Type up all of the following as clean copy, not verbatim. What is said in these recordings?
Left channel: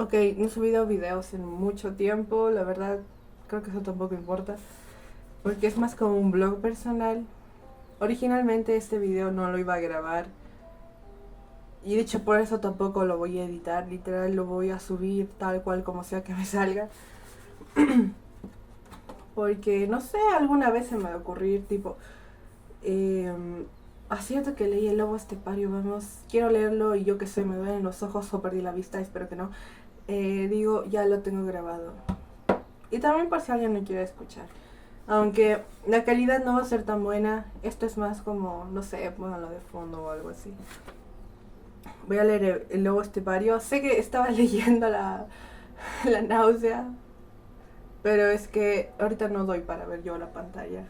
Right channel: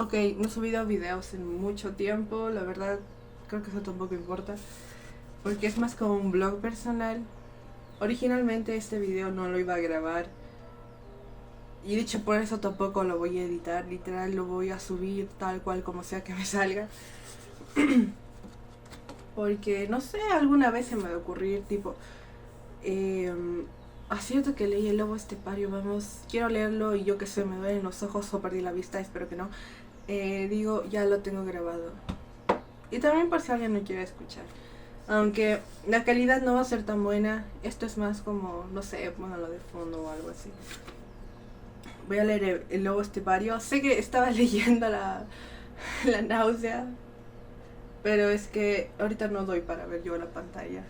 Ok, no he subido videos en mucho tiempo, la verdad creo que eso tampoco importa, porque es más como un blog personal. Originalmente este video no lo iba a grabar y de hecho por eso tampoco lo voy a editar, literal lo voy a subir tal cual como sea que me salga. Porque no sé, alguna vez se me va a ocurrir tipo, eh, cierto que leí El Lobo Estepario, vamos, quiero leerlo y yo que sé, me duelen los ojos o perdí la vista, espero que no. Digo, ya lo tengo grabado. Y también por si alguien me quiere escuchar. Aunque la calidad no va a ser tan buena, esto es más como, no sé, póngalo de fondo o algo así. Voy a leer El Lobo Estepario. Sé que estaba leyendo la náusea, pero es que ahorita no doy para ver yo la pantalla.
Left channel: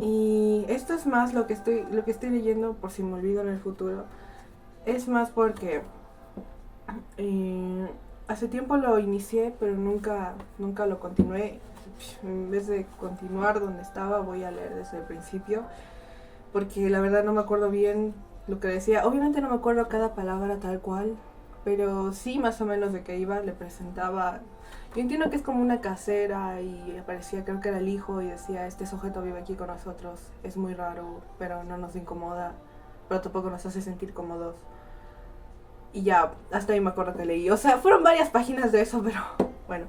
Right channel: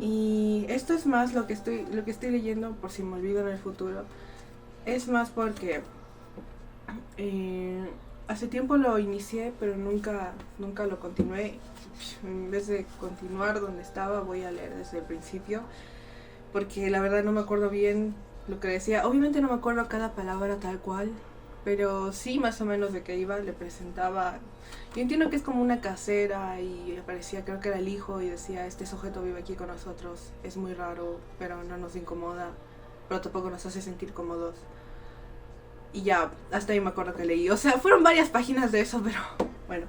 Y esto es más lo que estoy leyendo, por si me olvido en el futuro. Es más porque hace tiempo lo inicié, pero nunca lo continué. En vez de continuar donde estaba, voy a leer desde el principio, porque la verdad no me acuerdo bien lo que decía. Obviamente no me acuerdo cada palabra tal cual, pero sí más o menos de qué iba. Le presentaba, yo entiendo que es como una casera y aparecía, creo que era el hijo, y decía, este sujeto vive aquí con nosotros, es muy raro, pero no nos incomoda, pero tampoco nos hace sentir cómodos. Y ya, hasta ahí me acuerdo que leí. O sea, fueron varias páginas de eso, pero bueno.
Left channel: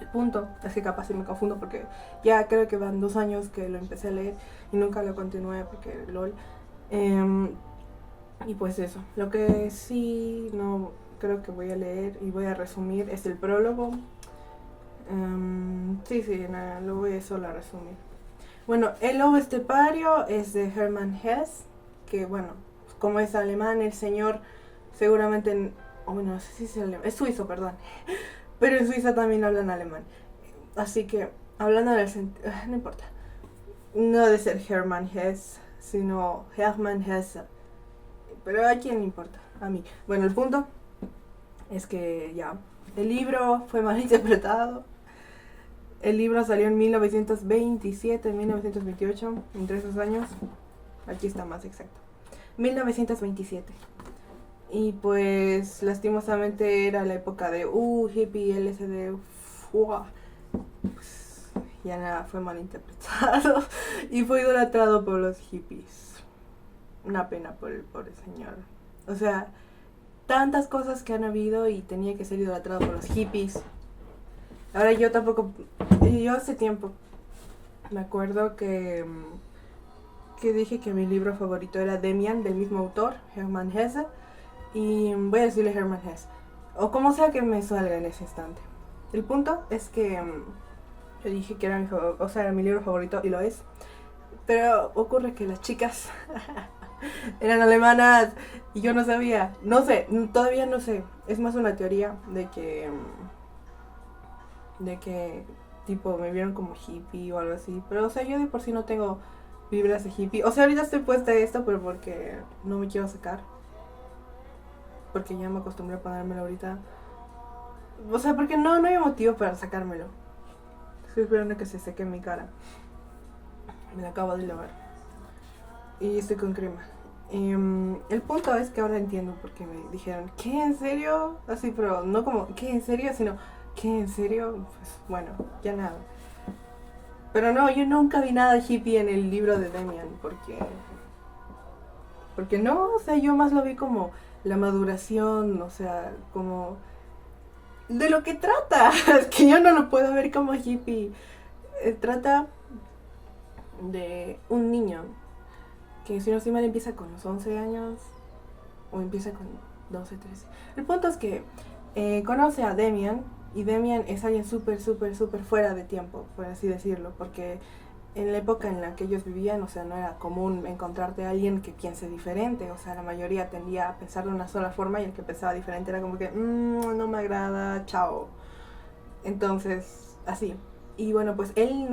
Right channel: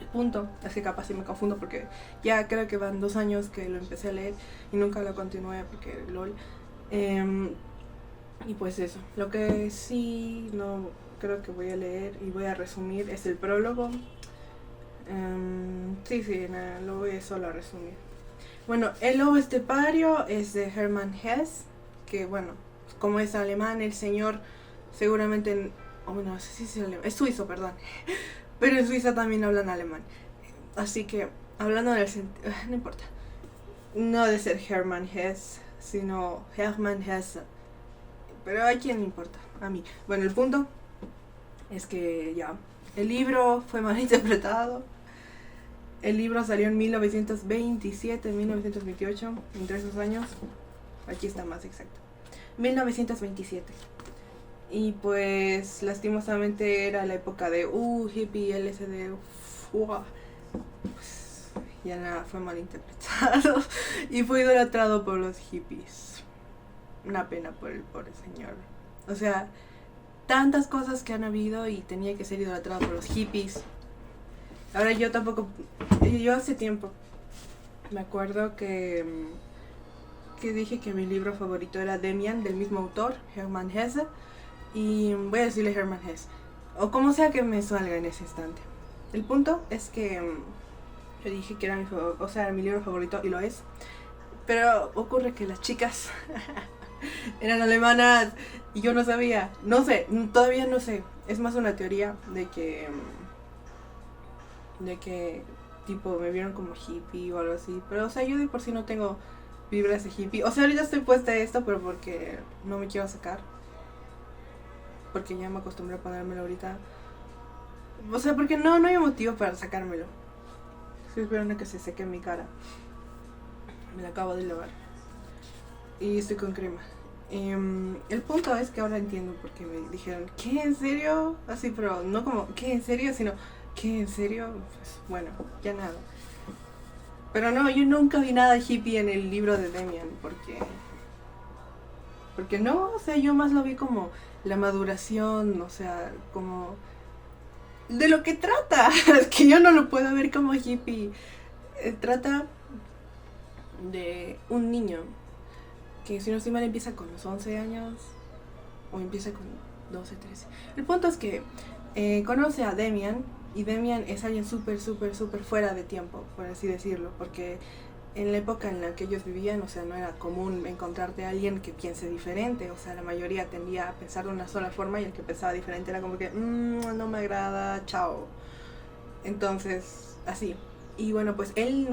El punto es que capaz sí me confundo porque ya creo que van 2 años que lo empecé a leer y nunca lo continué porque lol. Y pues eso. Lo que sí no creo que voy a leer y voy a resumir es el prólogo. Sí, nada, lo voy solo a resumir. Bueno, El Lobo Estepario es de Hermann Hesse, que bueno, como es alemán, el señor seguramente, bueno, no sé si es alemán, es suizo, perdón, pero en Suiza también hablan alemán. Así que, hablando del sentido, no importa, no de ser Hermann Hesse, sino Hermann Hesse, pero a quién le importa, a mí. Bueno, el punto es que ya, el libro fue mal interpretado. El libro salió en 1927, 1928, entre esos años. Aquí está más exacto. 1927. Y pues lastimosamente era la época de hippie, LSD, fuah. Pues ya nada, fue mal interpretado y fue idolatrado por los hippies. Una pena por el pobre señor. O sea, tantas cosas que han habido y tenía que ser idolatrado por los hippies. Ahora yo tampoco, yo hace tiempo me acuerdo que dije que mi libro favorito era Demian, del mismo autor, Hermann Hesse, y voy a decirle Hermann Hesse, o como sea que me salga en ese instante. El punto es que yo dije que era o sea, era mi libro favorito y lo es, pero ocurre que las chicas eran alemanas y yo no sabía, no sé, todavía no sé, es más una teoría de que tipo me vieron como hippie o algo así, pero o sea, yo de por sí no tengo vibras de hippie. O sea, ahorita estoy puesta a esto, pero porque no me quiero sacar. Porque ya me acostumbré a ponérmelo ahorita. O sea, porque no hay motivo para sacármelo. Estoy esperando que se seque en mi cara. Me la acabo de lavar. Y estoy con crema. El punto es que ahora entiendo por qué me dijeron, ¿qué? ¿En serio? Así, pero no como, ¿qué? ¿En serio? Sino, ¿qué? ¿En serio? Pues bueno, ya nada. Pero no, yo nunca vi nada hippie en el libro de Demian, porque no, o sea, yo más lo vi como la maduración, o sea, como de lo que trata. Es que yo no lo puedo ver como hippie. Trata de un niño que, si no estoy mal, empieza con los 11 años o empieza con 12, 13. El punto es que conoce a Demian, y Demian es alguien súper fuera de tiempo, por así decirlo, porque en la época en la que ellos vivían, o sea, no era común encontrarte a alguien que piense diferente. O sea, la mayoría tendía a pensar de una sola forma y el que pensaba diferente era como que, no me agrada, chao. Entonces, así. Y bueno, pues él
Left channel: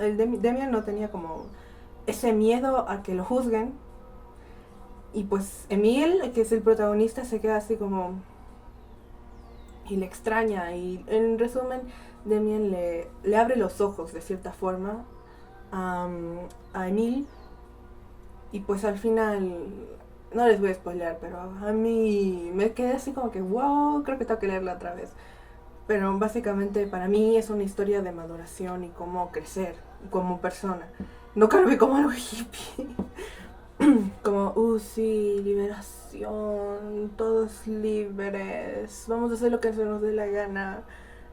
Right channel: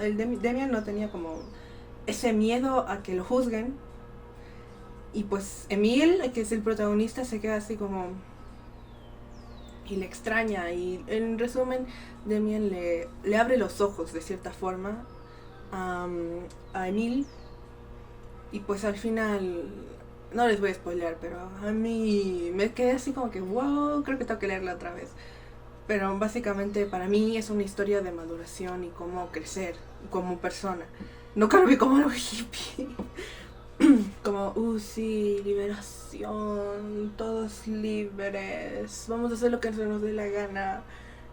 el Demian no tenía como ese miedo a que lo juzguen. Y pues Emil, que es el protagonista, se queda así como, y le extraña. Y en resumen, Demian le abre los ojos de cierta forma a Emil. Y pues al final no les voy a spoilear, pero a mí me quedé así como que, wow, creo que tengo que leerla otra vez. Pero básicamente para mí es una historia de maduración y cómo crecer como persona. No creo que como los hippies. Como, sí, liberación, todos libres, vamos a hacer lo que se nos dé la gana.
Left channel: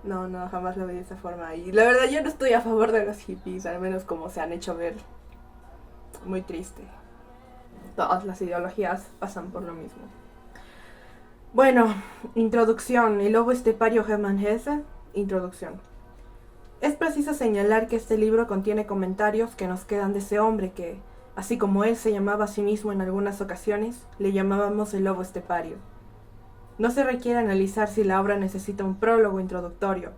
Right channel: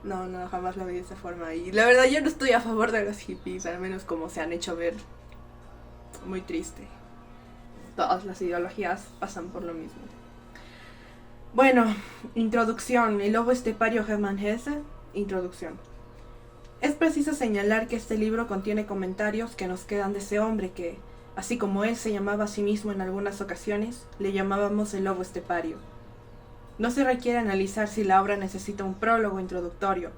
No, no, jamás lo vi de esa forma. Y la verdad yo no estoy a favor de los hippies, al menos como se han hecho ver. Muy triste. Todas las ideologías pasan por lo mismo. Bueno, introducción. El lobo estepario Hermann Hesse. Introducción. Es preciso señalar que este libro contiene comentarios que nos quedan de ese hombre que, así como él se llamaba a sí mismo en algunas ocasiones, le llamábamos el lobo estepario. No se requiere analizar si la obra necesita un prólogo introductorio.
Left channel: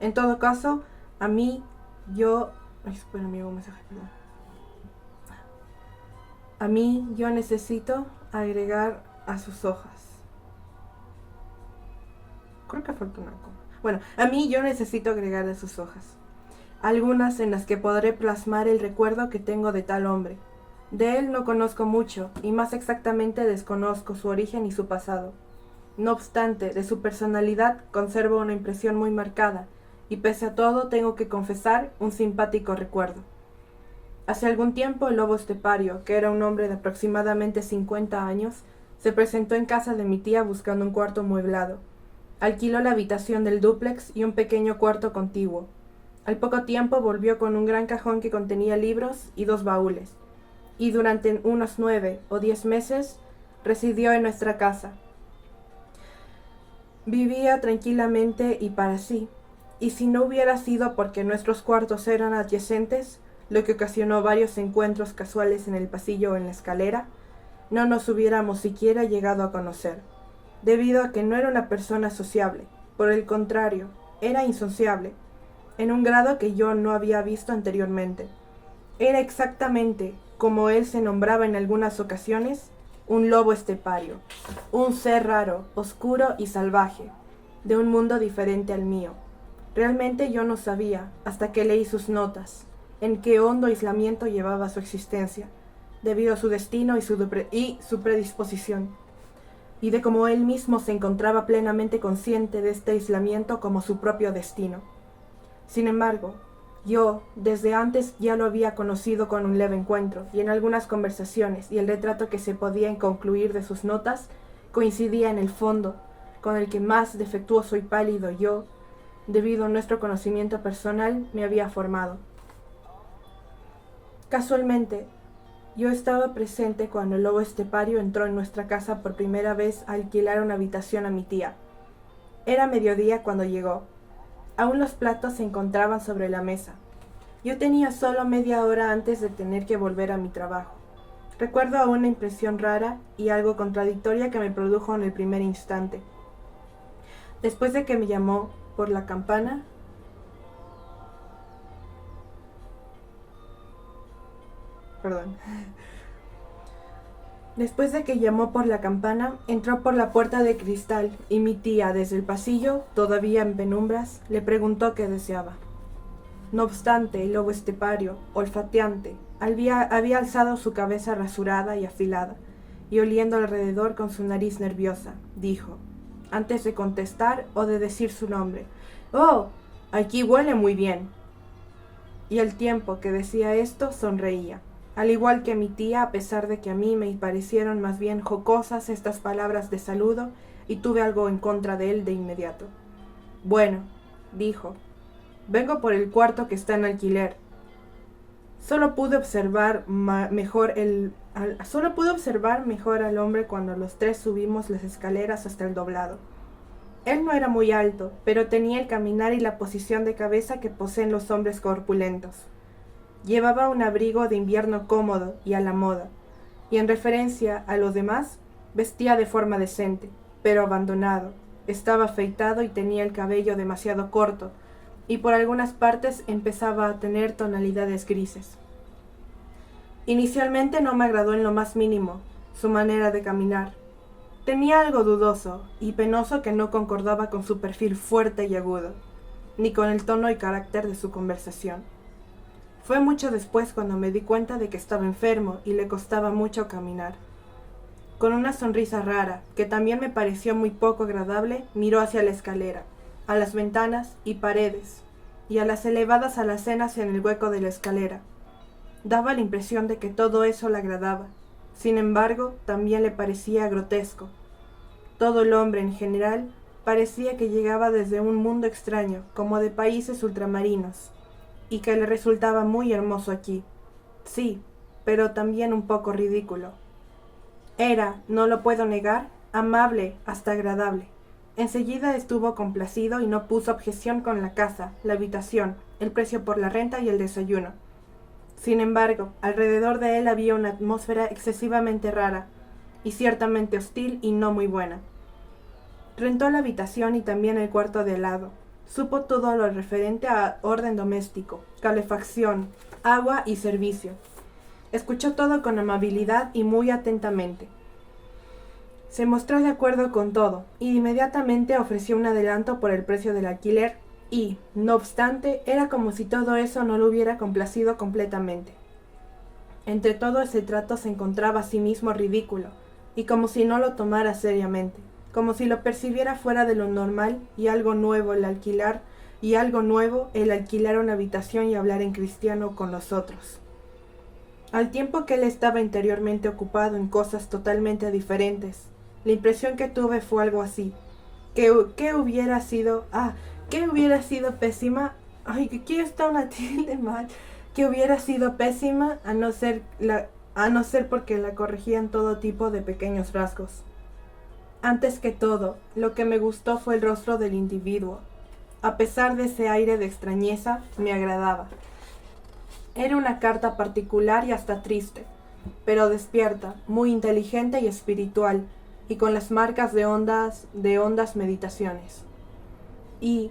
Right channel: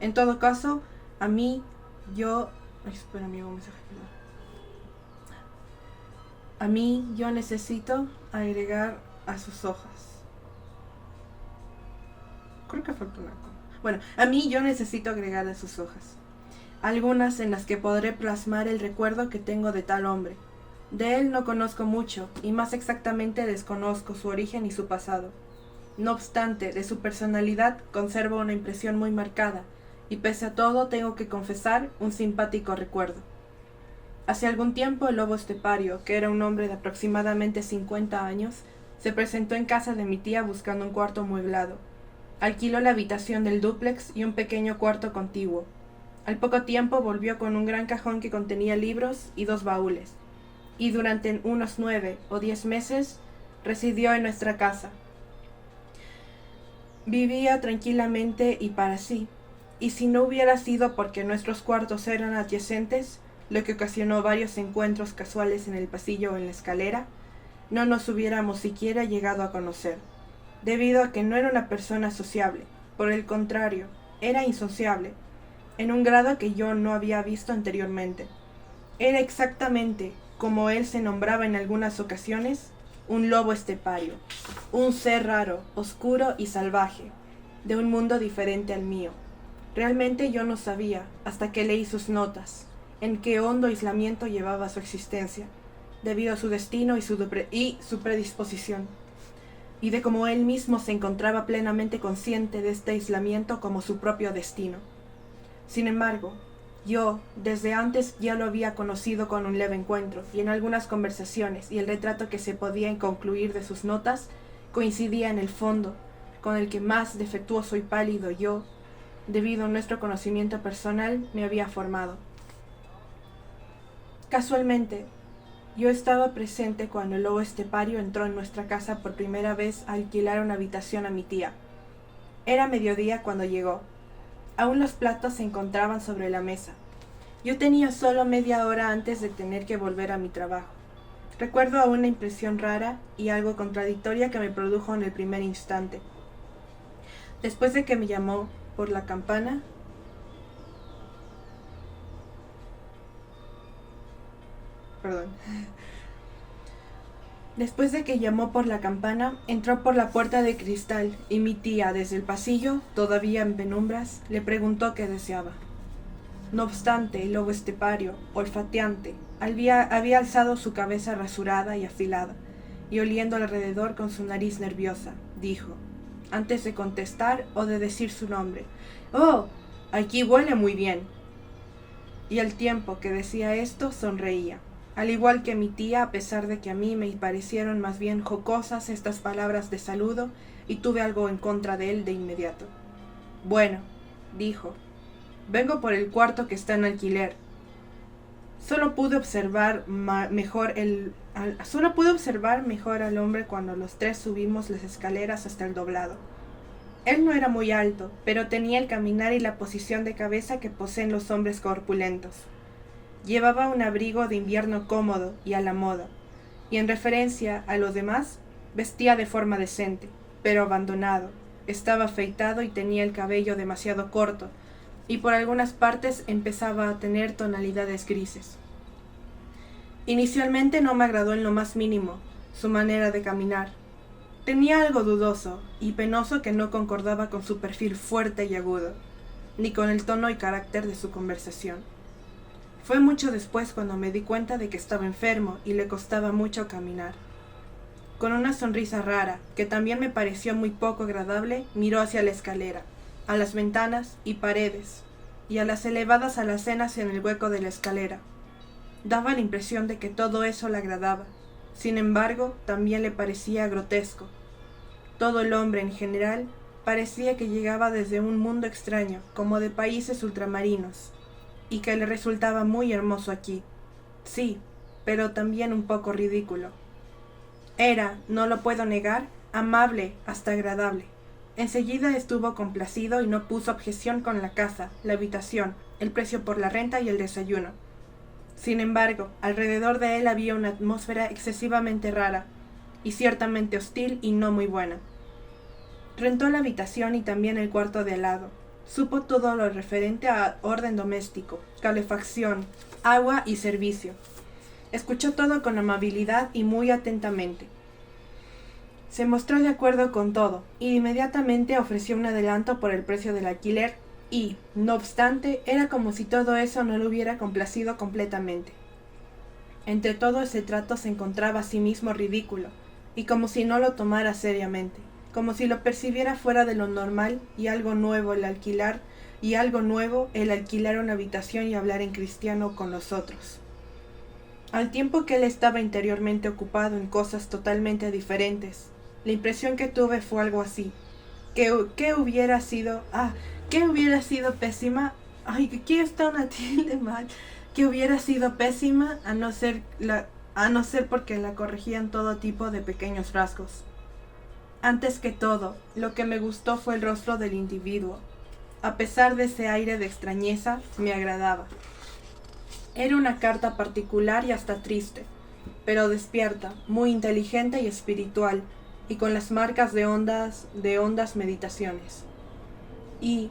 En todo caso, a mí, yo... Ay, espera, me llegó un mensaje. A mí, yo necesito agregar a sus hojas. Creo que falta una coma. Bueno, a mí yo necesito agregar a sus hojas. Algunas en las que podré plasmar el recuerdo que tengo de tal hombre. De él no conozco mucho, y más exactamente desconozco su origen y su pasado. No obstante, de su personalidad conservo una impresión muy marcada, y pese a todo tengo que confesar un simpático recuerdo. Hace algún tiempo el lobo estepario, que era un hombre de aproximadamente 50 años, se presentó en casa de mi tía buscando un cuarto mueblado. Alquiló la habitación del dúplex y un pequeño cuarto contiguo. Al poco tiempo volvió con un gran cajón que contenía libros y 2 baúles, y durante unos 9 o 10 meses residió en nuestra casa. Vivía tranquilamente y para sí, y si no hubiera sido porque nuestros cuartos eran adyacentes, lo que ocasionó varios encuentros casuales en el pasillo o en la escalera, no nos hubiéramos siquiera llegado a conocer, debido a que no era una persona sociable. Por el contrario, era insociable, en un grado que yo no había visto anteriormente. Era exactamente, como él se nombraba en algunas ocasiones, un lobo estepario, un ser raro, oscuro y salvaje, de un mundo diferente al mío. Realmente yo no sabía, hasta que leí sus notas, en qué hondo aislamiento llevaba su existencia, debido a su destino y su predisposición, y de cómo él mismo se encontraba plenamente consciente de este aislamiento como su propio destino. Sin embargo, yo, desde antes, ya lo había conocido con un leve encuentro, y en algunas conversaciones, y el retrato que se podía concluir de sus notas coincidía en el fondo con el que más defectuoso y pálido yo, debido a nuestro conocimiento personal, me había formado. Casualmente, yo estaba presente cuando el lobo estepario entró en nuestra casa por primera vez a alquilar una habitación a mi tía. Era mediodía cuando llegó. Aún los platos se encontraban sobre la mesa. Yo tenía solo media hora antes de tener que volver a mi trabajo. Recuerdo aún una impresión rara y algo contradictoria que me produjo en el primer instante. Después de que me llamó por la campana, Después de que llamó por la campana, entró por la puerta de cristal y mi tía, desde el pasillo, todavía en penumbras, le preguntó qué deseaba. No obstante, el lobo estepario, olfateante, había alzado su cabeza rasurada y afilada, y oliendo alrededor con su nariz nerviosa, dijo, antes de contestar o de decir su nombre, «Oh, aquí huele muy bien». Y al tiempo que decía esto, sonreía. Al igual que mi tía, a pesar de que a mí me parecieron más bien jocosas estas palabras de saludo, y tuve algo en contra de él de inmediato. «Bueno», dijo, «vengo por el cuarto que está en alquiler». Solo pude observar mejor al hombre cuando los tres subimos las escaleras hasta el doblado. Él no era muy alto, pero tenía el caminar y la posición de cabeza que poseen los hombres corpulentos. Llevaba un abrigo de invierno cómodo y a la moda, y en referencia a los demás, vestía de forma decente, pero abandonado. Estaba afeitado y tenía el cabello demasiado corto, y por algunas partes empezaba a tener tonalidades grises. Inicialmente no me agradó en lo más mínimo su manera de caminar. Tenía algo dudoso y penoso que no concordaba con su perfil fuerte y agudo, ni con el tono y carácter de su conversación. Fue mucho después cuando me di cuenta de que estaba enfermo y le costaba mucho caminar. con una sonrisa rara, que también me pareció muy poco agradable, miró hacia la escalera, a las ventanas y paredes, y a las elevadas alacenas en el hueco de la escalera. Daba la impresión de que todo eso le agradaba. Sin embargo, también le parecía grotesco. Todo el hombre en general parecía que llegaba desde un mundo extraño, como de países ultramarinos, y que le resultaba muy hermoso aquí. Sí, pero también un poco ridículo. Era, no lo puedo negar, amable hasta agradable. Enseguida estuvo complacido y no puso objeción con la casa, la habitación, el precio por la renta y el desayuno. Sin embargo, alrededor de él había una atmósfera excesivamente rara, y ciertamente hostil y no muy buena. Rentó la habitación y también el cuarto de al lado. Supo todo lo referente a orden doméstico, calefacción, agua y servicio. Escuchó todo con amabilidad y muy atentamente. Se mostró de acuerdo con todo, y inmediatamente ofreció un adelanto por el precio del alquiler, y, no obstante, era como si todo eso no lo hubiera complacido completamente. Entre todo ese trato se encontraba a sí mismo ridículo, y como si no lo tomara seriamente, como si lo percibiera fuera de lo normal y algo nuevo el alquilar una habitación y hablar en cristiano con nosotros. Al tiempo que él estaba interiormente ocupado en cosas totalmente diferentes, la impresión que tuve fue algo así, que hubiera sido pésima, ay, que aquí está una tilde mal, que hubiera sido pésima a no ser porque la corregían todo tipo de pequeños rasgos. Antes que todo, lo que me gustó fue el rostro del individuo. A pesar de ese aire de extrañeza, me agradaba. Era una carta particular y hasta triste, pero despierta, muy inteligente y espiritual, y con las marcas de hondas meditaciones. Y,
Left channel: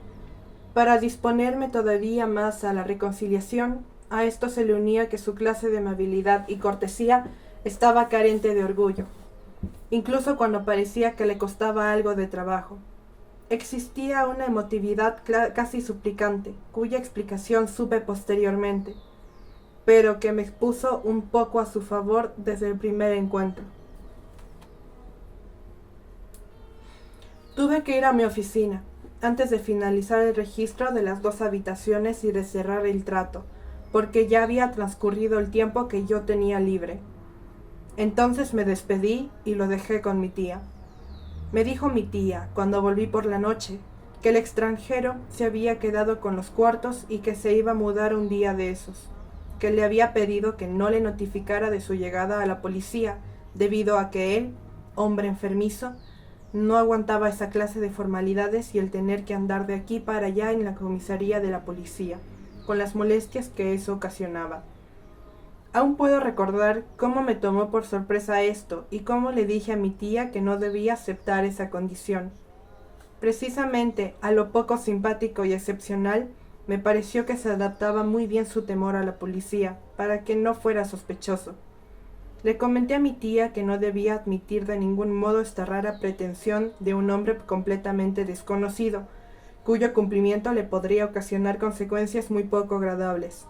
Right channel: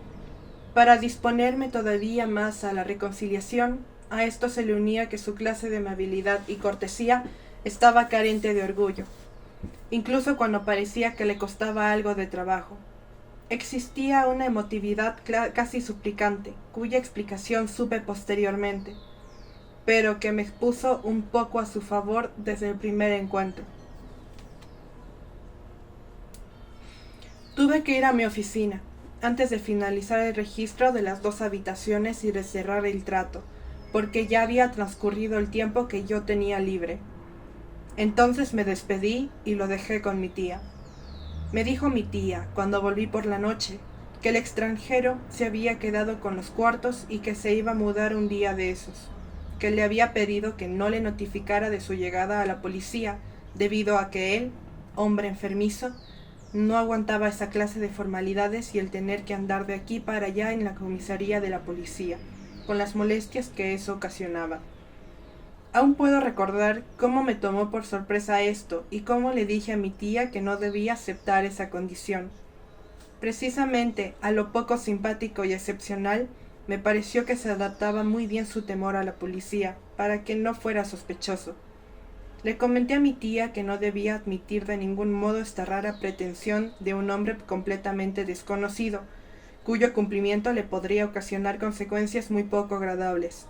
para disponerme todavía más a la reconciliación, a esto se le unía que su clase de amabilidad y cortesía estaba carente de orgullo, incluso cuando parecía que le costaba algo de trabajo. Existía una emotividad casi suplicante, cuya explicación supe posteriormente, pero que me puso un poco a su favor desde el primer encuentro. Tuve que ir a mi oficina, antes de finalizar el registro de las 2 habitaciones y de cerrar el trato, porque ya había transcurrido el tiempo que yo tenía libre. Entonces me despedí y lo dejé con mi tía. Me dijo mi tía, cuando volví por la noche, que el extranjero se había quedado con los cuartos y que se iba a mudar un día de esos, que le había pedido que no le notificara de su llegada a la policía, debido a que él, hombre enfermizo, no aguantaba esa clase de formalidades y el tener que andar de aquí para allá en la comisaría de la policía, con las molestias que eso ocasionaba. Aún puedo recordar cómo me tomó por sorpresa esto y cómo le dije a mi tía que no debía aceptar esa condición. Precisamente a lo poco simpático y excepcional me pareció que se adaptaba muy bien su temor a la policía, para que no fuera sospechoso. Le comenté a mi tía que no debía admitir de ningún modo esta rara pretensión de un hombre completamente desconocido, cuyo cumplimiento le podría ocasionar consecuencias muy poco agradables.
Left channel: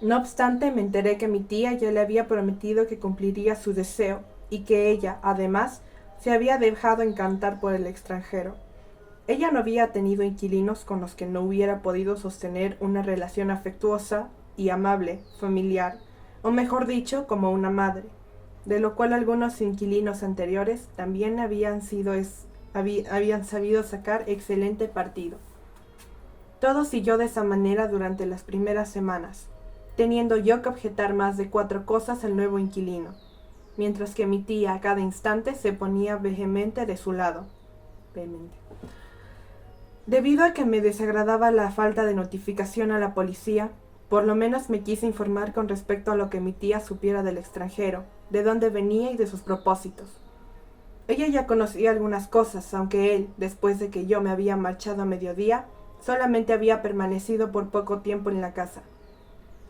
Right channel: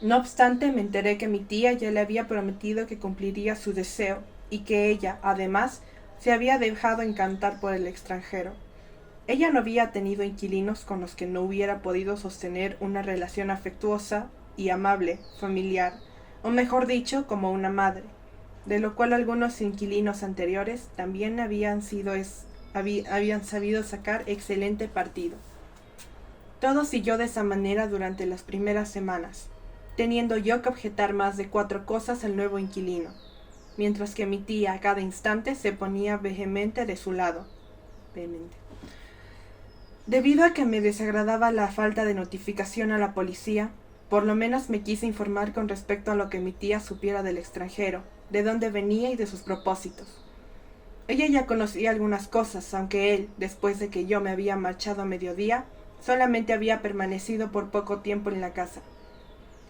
No obstante, me enteré que mi tía ya le había prometido que cumpliría su deseo y que ella, además, se había dejado encantar por el extranjero. Ella no había tenido inquilinos con los que no hubiera podido sostener una relación afectuosa y amable, familiar, o mejor dicho, como una madre, de lo cual algunos inquilinos anteriores también habían sabido sacar excelente partido. Todo siguió de esa manera durante las primeras semanas, teniendo yo que objetar más de 4 cosas al nuevo inquilino, mientras que mi tía a cada instante se ponía vehemente de su lado. Debido a que me desagradaba la falta de notificación a la policía, por lo menos me quise informar con respecto a lo que mi tía supiera del extranjero, de dónde venía y de sus propósitos. Ella ya conocía algunas cosas, aunque él, después de que yo me había marchado a mediodía, solamente había permanecido por poco tiempo en la casa.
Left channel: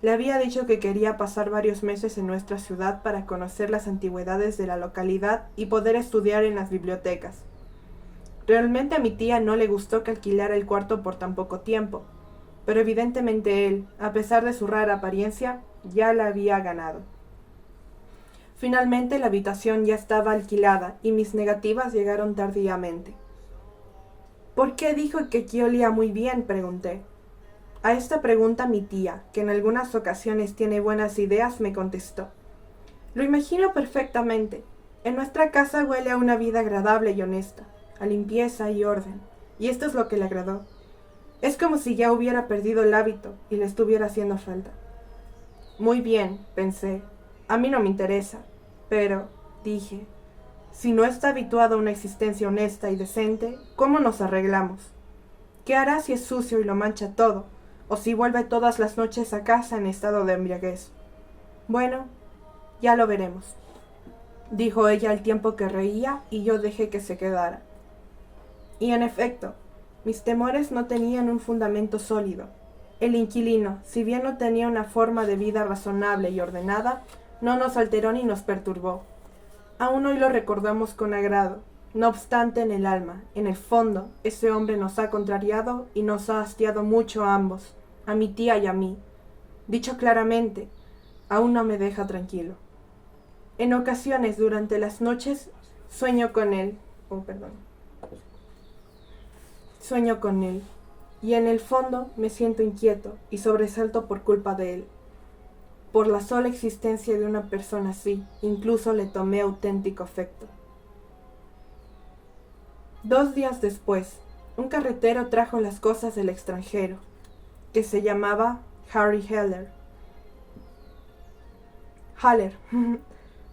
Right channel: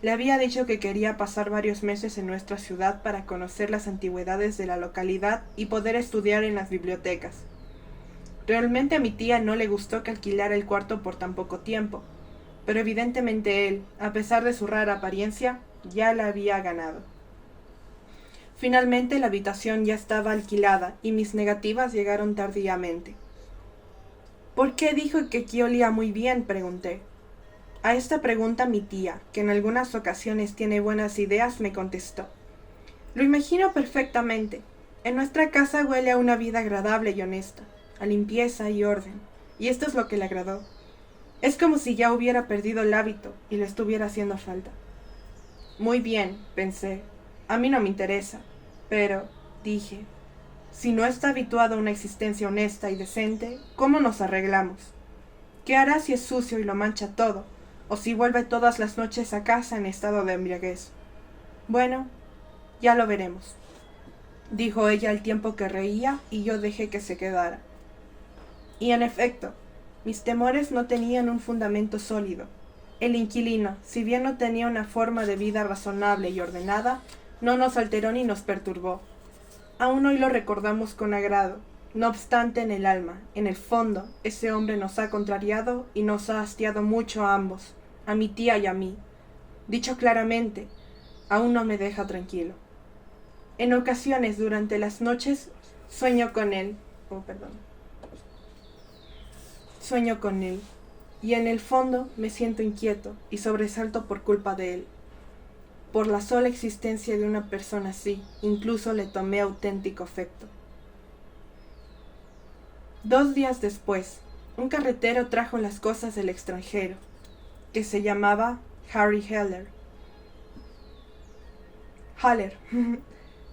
Le había dicho que quería pasar varios meses en nuestra ciudad para conocer las antigüedades de la localidad y poder estudiar en las bibliotecas. Realmente a mi tía no le gustó que alquilara el cuarto por tan poco tiempo, pero evidentemente él, a pesar de su rara apariencia, ya la había ganado. Finalmente la habitación ya estaba alquilada y mis negativas llegaron tardíamente. ¿Por qué dijo que aquí olía muy bien?, pregunté. A esta pregunta mi tía, que en algunas ocasiones tiene buenas ideas, me contestó. Lo imagino perfectamente. En nuestra casa huele a una vida agradable y honesta, a limpieza y orden, y esto es lo que le agradó. Es como si ya hubiera perdido el hábito y le estuviera haciendo falta. Muy bien, pensé. A mí no me interesa, pero, dije, si no está habituado a una existencia honesta y decente, ¿cómo nos arreglamos? ¿Qué hará si es sucio y lo mancha todo? ¿O si vuelve todas las noches a casa en estado de embriaguez? Bueno, ya lo veremos, dijo ella al tiempo que reía y yo dejé que se quedara. Y en efecto, mis temores no tenían un fundamento sólido. El inquilino, si bien no tenía una forma de vida razonable y ordenada, no nos alteró ni nos perturbó. Aún hoy lo recordamos con agrado. No obstante, en el alma, en el fondo, ese hombre nos ha contrariado y nos ha hastiado mucho a ambos, a mi tía y a mí. Dicho claramente, aún no me deja tranquilo. En ocasiones, durante las noches, sueño con él. Sueño con él. Y en el fondo me siento inquieto y sobresalto por culpa de él. Por la sola existencia de una persona así, incluso le tomé auténtico afecto. 2 días después, un carretero trajo las cosas del extranjero, que se llamaba Harry Haller.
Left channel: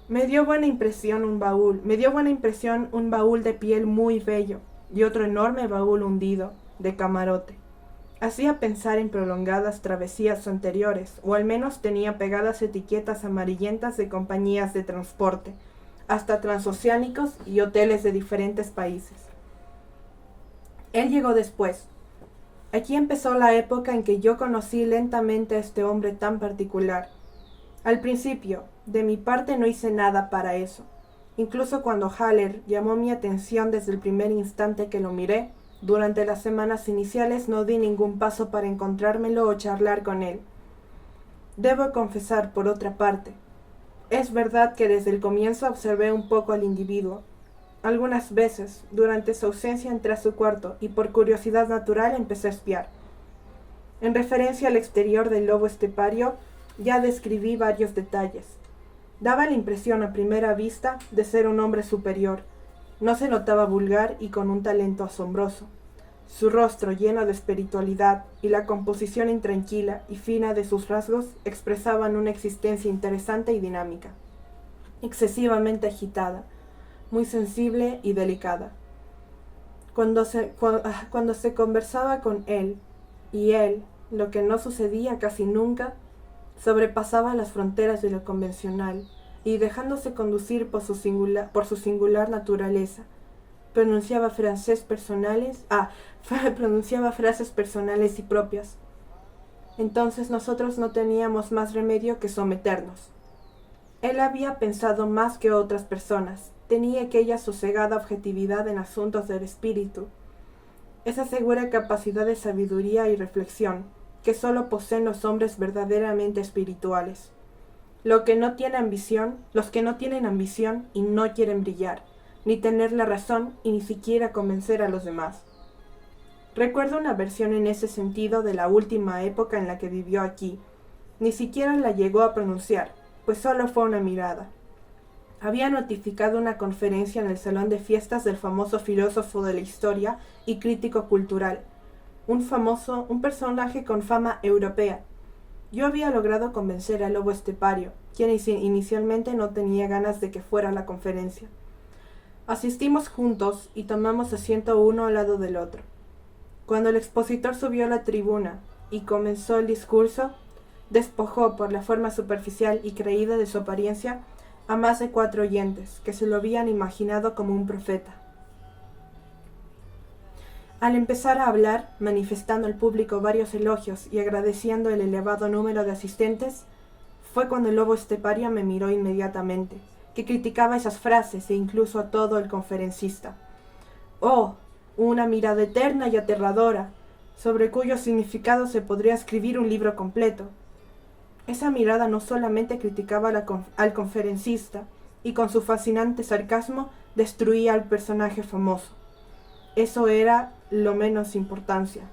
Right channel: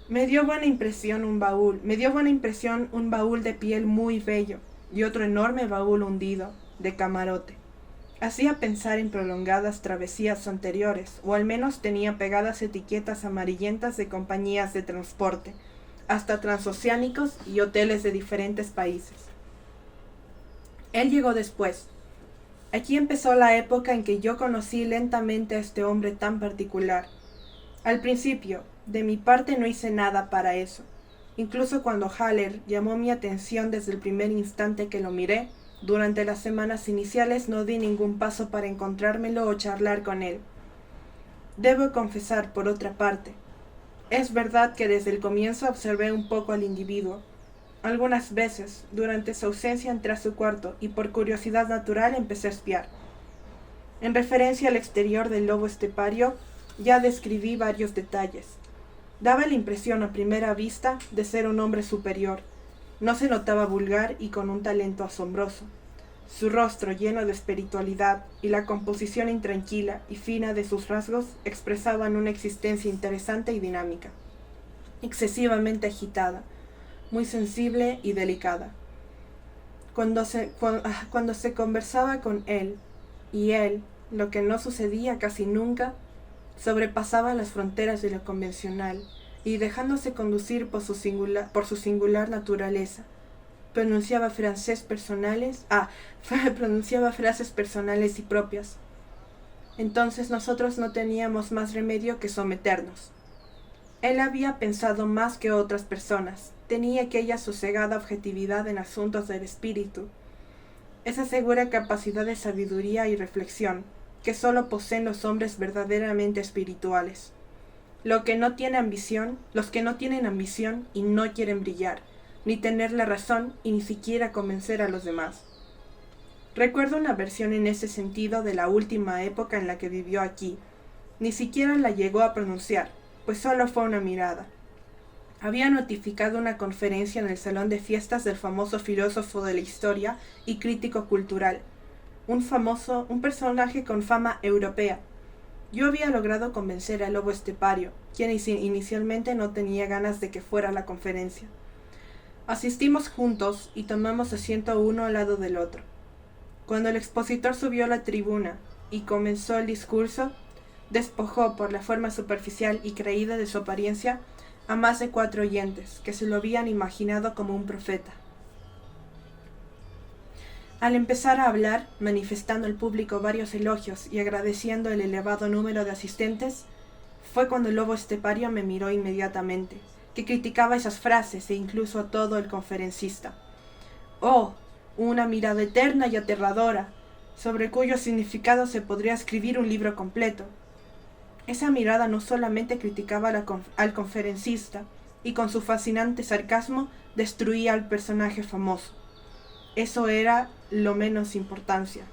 Me dio buena impresión un baúl de piel muy bello y otro enorme baúl hundido, de camarote. Hacía pensar en prolongadas travesías anteriores, o al menos tenía pegadas etiquetas amarillentas de compañías de transporte, hasta transoceánicos y hoteles de diferentes países. Él llegó después. Aquí empezó la época en que yo conocí lentamente a este hombre tan particular. Al principio, de mi parte no hice nada para eso. Incluso cuando Haller llamó mi atención desde el primer instante que lo miré, durante las semanas iniciales no di ningún paso para encontrármelo o charlar con él. Debo confesar, por otra parte, es verdad que desde el comienzo observé un poco al individuo. Algunas veces, durante su ausencia entré a su cuarto y por curiosidad natural empecé a espiar. En referencia al exterior del lobo estepario, ya describí varios detalles. Daba la impresión a primera vista de ser un hombre superior. No se notaba vulgar y con un talento asombroso. Su rostro lleno de espiritualidad y la composición intranquila y fina de sus rasgos expresaban una existencia interesante y dinámica, excesivamente agitada, muy sensible y delicada. Cuando se conversaba con él, y él, lo que no sucedía casi nunca, sobrepasaba las fronteras de lo convencional y dejándose conducir por su singular naturaleza, pronunciaba frases personales y propias. Entonces nosotros no teníamos más remedio que someternos. Él había pensado más que otras personas, tenía aquella sosegada objetividad en asuntos del espíritu, esa segura capacidad de sabiduría y reflexión que sólo poseen los hombres verdaderamente espirituales. Los que no tienen ambición y no quieren brillar, ni tener la razón y ni siquiera convencer a los demás. Recuerdo una versión en ese sentido de la última época en la que vivió aquí. Ni siquiera la llegó a pronunciar, pues solo fue una mirada. Había notificado una conferencia en el salón de fiestas del famoso filósofo de la historia y crítico cultural, un personaje con fama europea. Yo había logrado convencer al lobo estepario, quien inicialmente no tenía ganas de que fuera a la conferencia. Asistimos juntos y tomamos asiento uno al lado del otro. Cuando el expositor subió a la tribuna y comenzó el discurso, despojó por la forma superficial y creída de su apariencia a más de 4 oyentes que se lo habían imaginado como un profeta. Al empezar a hablar, manifestando al público varios elogios y agradeciendo el elevado número de asistentes, fue cuando el lobo estepario me miró inmediatamente, que criticaba esas frases e incluso a todo el conferencista. ¡Oh! Una mirada eterna y aterradora, sobre cuyo significado se podría escribir un libro completo. Esa mirada no solamente criticaba al conferencista y con su fascinante sarcasmo destruía al personaje famoso. Eso era lo menos importancia.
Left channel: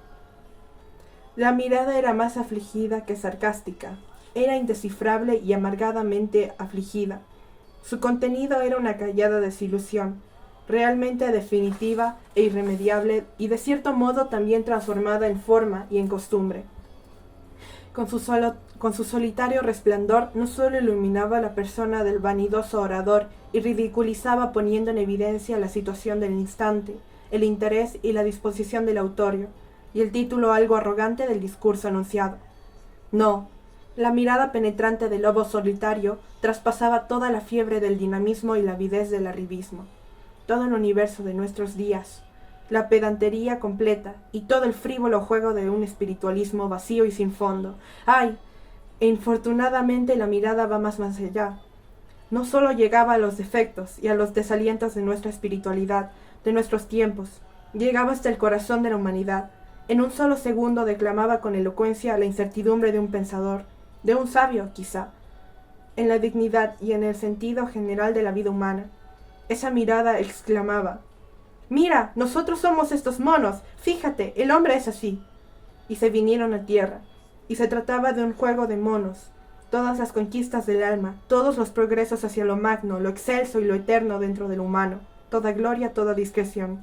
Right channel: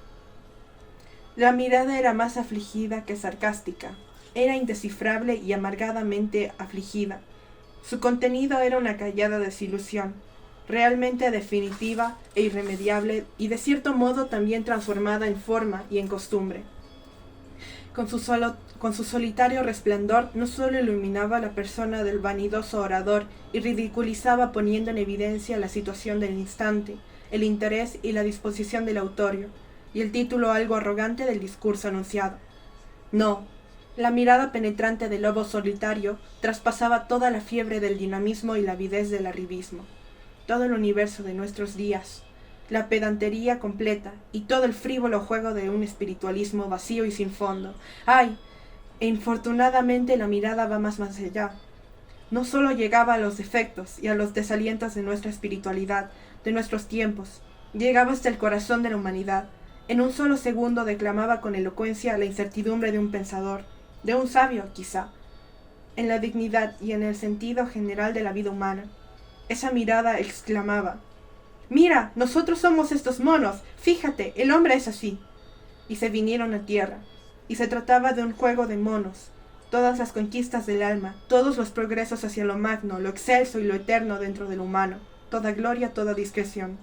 La mirada era más afligida que sarcástica. Era indescifrable y amargadamente afligida. Su contenido era una callada desilusión, realmente definitiva e irremediable y de cierto modo también transformada en forma y en costumbre. Con su solitario resplandor no solo iluminaba la persona del vanidoso orador y ridiculizaba poniendo en evidencia la situación del instante, el interés y la disposición del autorio, y el título algo arrogante del discurso anunciado. No, la mirada penetrante del lobo solitario traspasaba toda la fiebre del dinamismo y la avidez del arribismo, todo el universo de nuestros días, la pedantería completa y todo el frívolo juego de un espiritualismo vacío y sin fondo. ¡Ay! E infortunadamente la mirada va más allá. No solo llegaba a los defectos y a los desalientos de nuestra espiritualidad, de nuestros tiempos, llegaba hasta el corazón de la humanidad. En un solo segundo declamaba con elocuencia la incertidumbre de un pensador, de un sabio, quizá, en la dignidad y en el sentido general de la vida humana. Esa mirada exclamaba: «Mira, nosotros somos estos monos, fíjate, el hombre es así». Y se vinieron a tierra, y se trataba de un juego de monos. Todas las conquistas del alma, todos los progresos hacia lo magno, lo excelso y lo eterno dentro del humano, toda gloria, toda discreción.